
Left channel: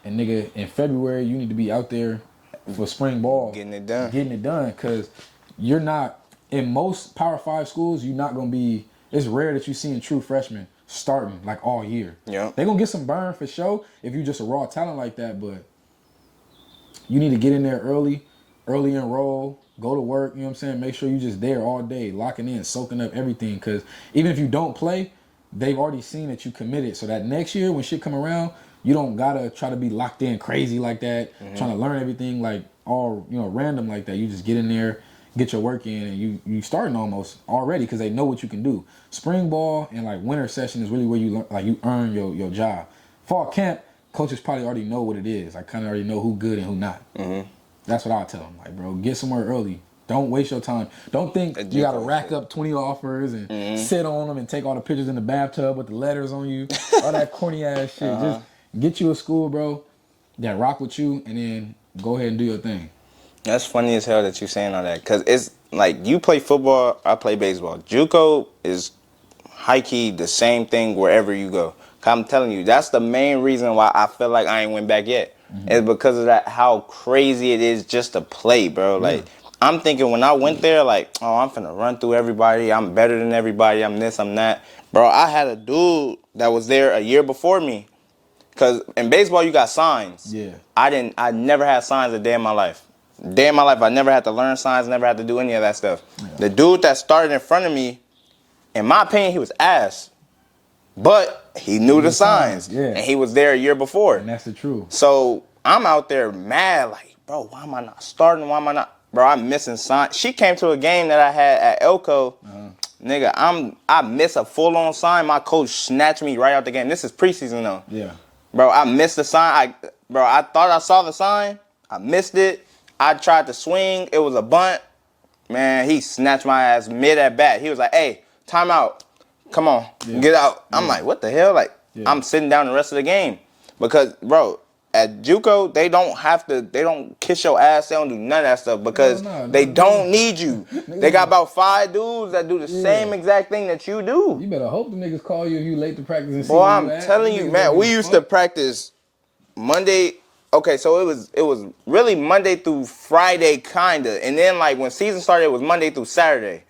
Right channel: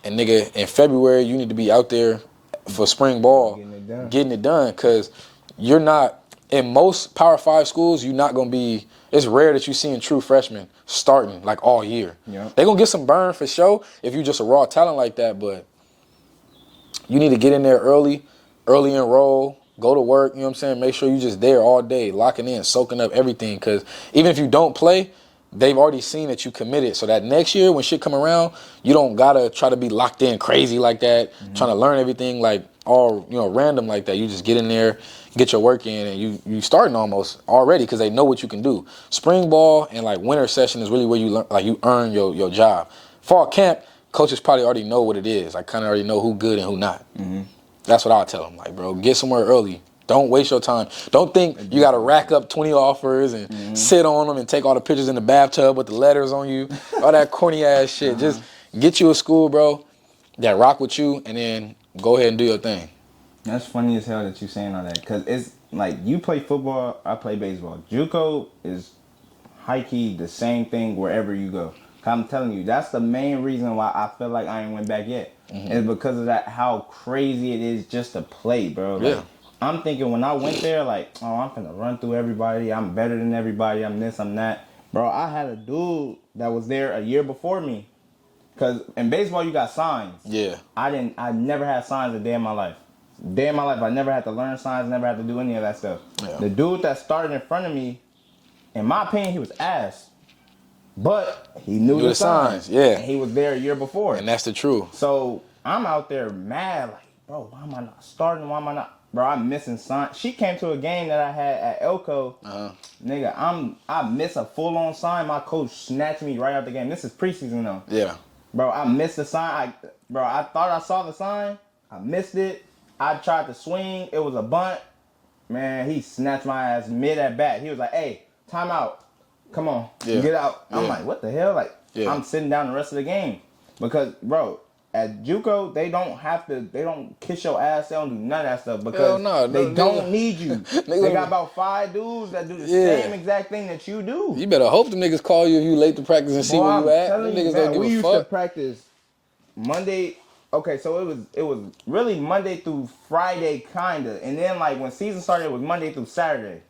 And nigga, in February, you need to be out there for spring ball. Getting it done. Because you're not, in most Power 5 schools, you're not going to be, it's rare that you seeing true freshmen starting like all year. Yeah. They're going to get some burn for sure if you're just a raw talent like that, but you need to get in there early enroll, go to work, you know what I'm saying? Make sure you're just there all day, locking in, soaking up everything. Because even if you don't play, they've already seen that you committed. So that next year when shit come around, you don't got to try to be locked in crazy like that, trying to learn everything like all, random like that. You just get in there, get your work in, and you starting almost already because they know what you can do. Spring ball and like winter session is really where you learn, like you earn your job. Fall camp, coaches probably already know what it is. Like kind of already know who good and who not. That's what I'll tell them. Like, bro, get somewhere early. Don't waste your time. Don't think you got to rack up 20 offers and sit on them and take all the pictures in the bathtub with the letters on you. All that corny ass shit. Just get you a school, bro, that rock with you, and then go ahead and do your thing. That's funny as hell that you're saying all that. Because it's like you play football, I play baseball. JUCO is high-key the same thing wherever you go. I'm telling you, that's the main reason why I feel like I ain't went back yet. It's because of that, how crazy it is just to play, bro. Like, I'm thinking when I went there, like, oh, I'm finna run through everybody. I'm better than everybody. I'm this, I'm that. Bro, I had a dude that was there a year before me. Because in baseball, you got signs. Yeah. I never had signs a day in my life. I never had to learn signs, never had to do any of that stuff. Yeah. The dude that started in front of me, in my opinion, he was ass. But he knew the signs. Yeah. And he was there a year before. And that's the truth. So I'm out there mad, like, bro, why am I not starting? Why am I not? Bro, I'm missing signs. She came to a game that I had at Elko. Nigga, I miss a full-on sign. My coach snatched me right out the game. This is preseason, though. Yeah. Bro, I missed the sign. I thought I saw the sign. I missed it. I tried to swing. It was a bunt. Man, he snatched my ass mid at bat. He was like, hey, time out. Come on, get out. I'm like, what the hell? Like, I'm sitting down the rest of the game. Because, bro, at JUCO, they don't kiss your ass. They don't do none of that stuff because they don't need you. They got about 5 dudes that do the same exact thing that you do. You better hope the niggas call you if you late to practice and see where you at. I'm telling you, man, we used to practice Monday. Okay, so it was really Monday through Friday, kinda. And then, like, when season started, it was Monday through Saturday.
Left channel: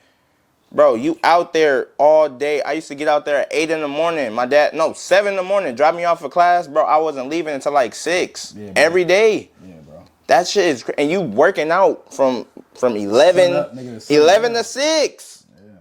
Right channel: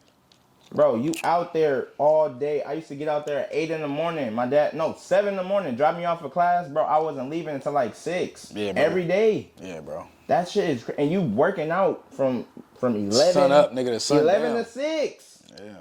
Bro, you out there all day. I used to get out there at 8 in the morning. 7 in the morning, drop me off for class. Bro, I wasn't leaving until like 6 every day. Yeah, bro. That shit is crazy. And you working out from 11, up, nigga, to 11 to 6. Yeah.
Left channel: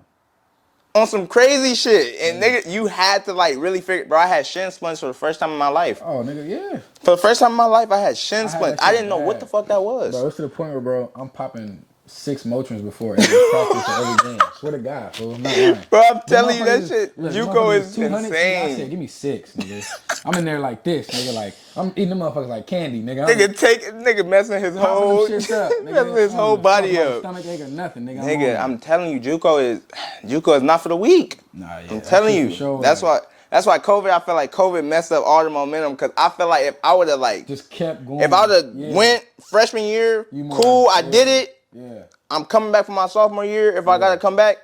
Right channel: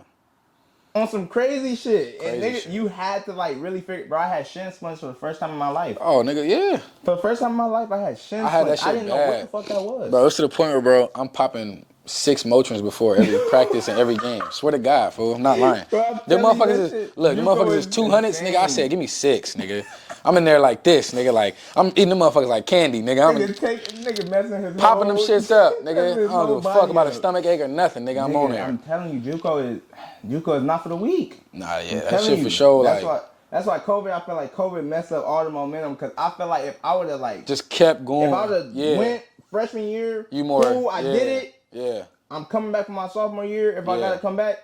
On some crazy shit. And nigga, you had to like really figure, bro, I had shin splints for the first time in my life. Oh, nigga, yeah. For the first time in my life, I had shin splints. I didn't know what the fuck that was. Bro, it's to the point where, bro, I'm popping 6 Motrins before every practice and every game. Swear to God, fool. I'm not lying. Bro, I'm Them telling you that motherfuckers shit. Look, them JUCO motherfuckers is is 200, nigga. I insane. said, give me 6, nigga. I'm in there like this, nigga. Like, I'm eating them motherfuckers like candy, nigga. Nigga messing his Popping whole them shits up, nigga. messing his I whole don't give a fuck body about a up. stomach ache or nothing, nigga. I'm on Nigga, that. I'm telling you, JUCO is not for the weak. Nah, yeah. I'm that telling shit you. for sure, That's like, why COVID. I feel like COVID messed up all the momentum because I feel like if I would have like just kept going. if I would have went freshman year, cool, I did it. Yeah. I'm coming back for my sophomore year. If I gotta come back,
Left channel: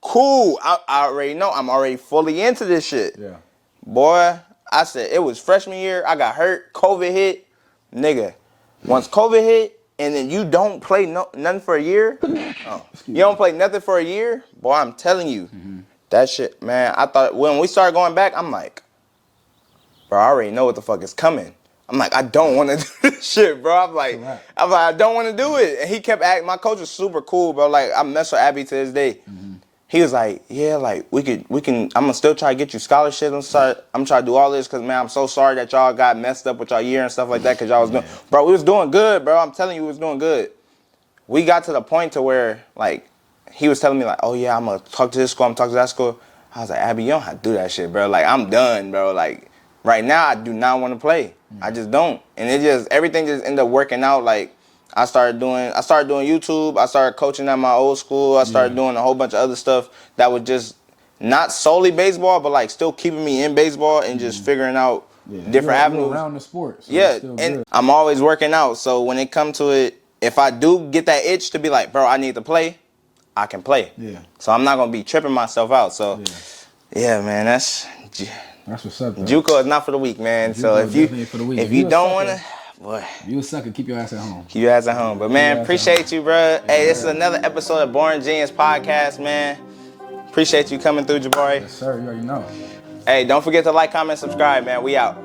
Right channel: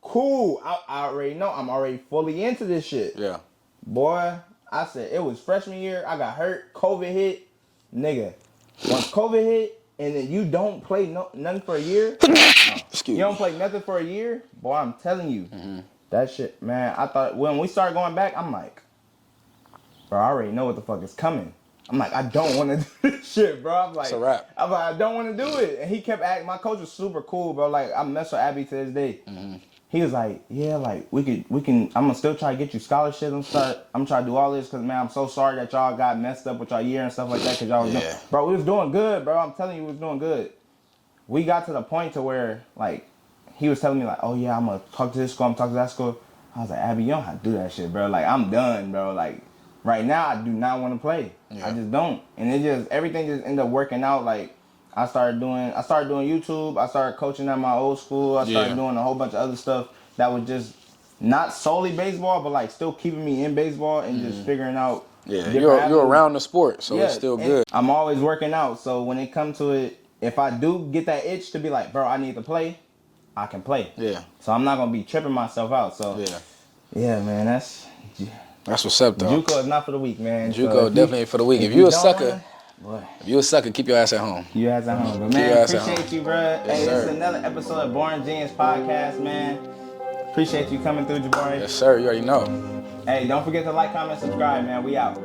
cool. I already know. I'm already fully into this shit. Yeah. Boy, I said it was freshman year. I got hurt. COVID hit. Nigga, once COVID hit and then you don't play nothing for a year, you don't play nothing for a year, boy, I'm telling you, that shit, man, I thought when we started going back, I'm like, bro, I already know what the fuck is coming. I'm like, I don't want to do this shit, bro. I'm like, I don't want to do it. And he kept acting, my coach was super cool, bro. Like, I mess with Abby to this day. He was like, yeah, like, we can, I'm going to still try to get you scholarships. I'm trying to do all this because, man, I'm so sorry that y'all got messed up with y'all year and stuff like that because y'all was doing, bro, we was doing good, bro. I'm telling you, we was doing good. We got to the point to where, like, he was telling me, like, oh, yeah, I'm going to talk to this school, I'm talking to that school. I was like, Abby, you don't have to do that shit, bro. Like, I'm done, bro. Like, right now, I do not want to play. I just don't. And everything just ended up working out. Like, I started doing YouTube. I started coaching at my old school. I started doing a whole bunch of other stuff that was just not solely baseball, but like still keeping me in baseball and just figuring out different avenues. You're around the sport, so it's still good. I'm always working out. So when it comes to it, if I do get that itch to be like, bro, I need to play, I can play. Yeah. So I'm not gonna be tripping myself out. So yeah, man, that's what's up, though. JUCO is not for the weak, man. JUCO So is definitely for the weak. If you don't wanna, boy, if you a sucker, keep your ass at home. Keep your ass at home. But man, appreciate you, bro. Hey, this is another episode of Born Genius Podcast, man. Appreciate you coming through, Jabari. Yes, sir. You already know. Hey, don't forget to like, comment, subscribe, man. We out.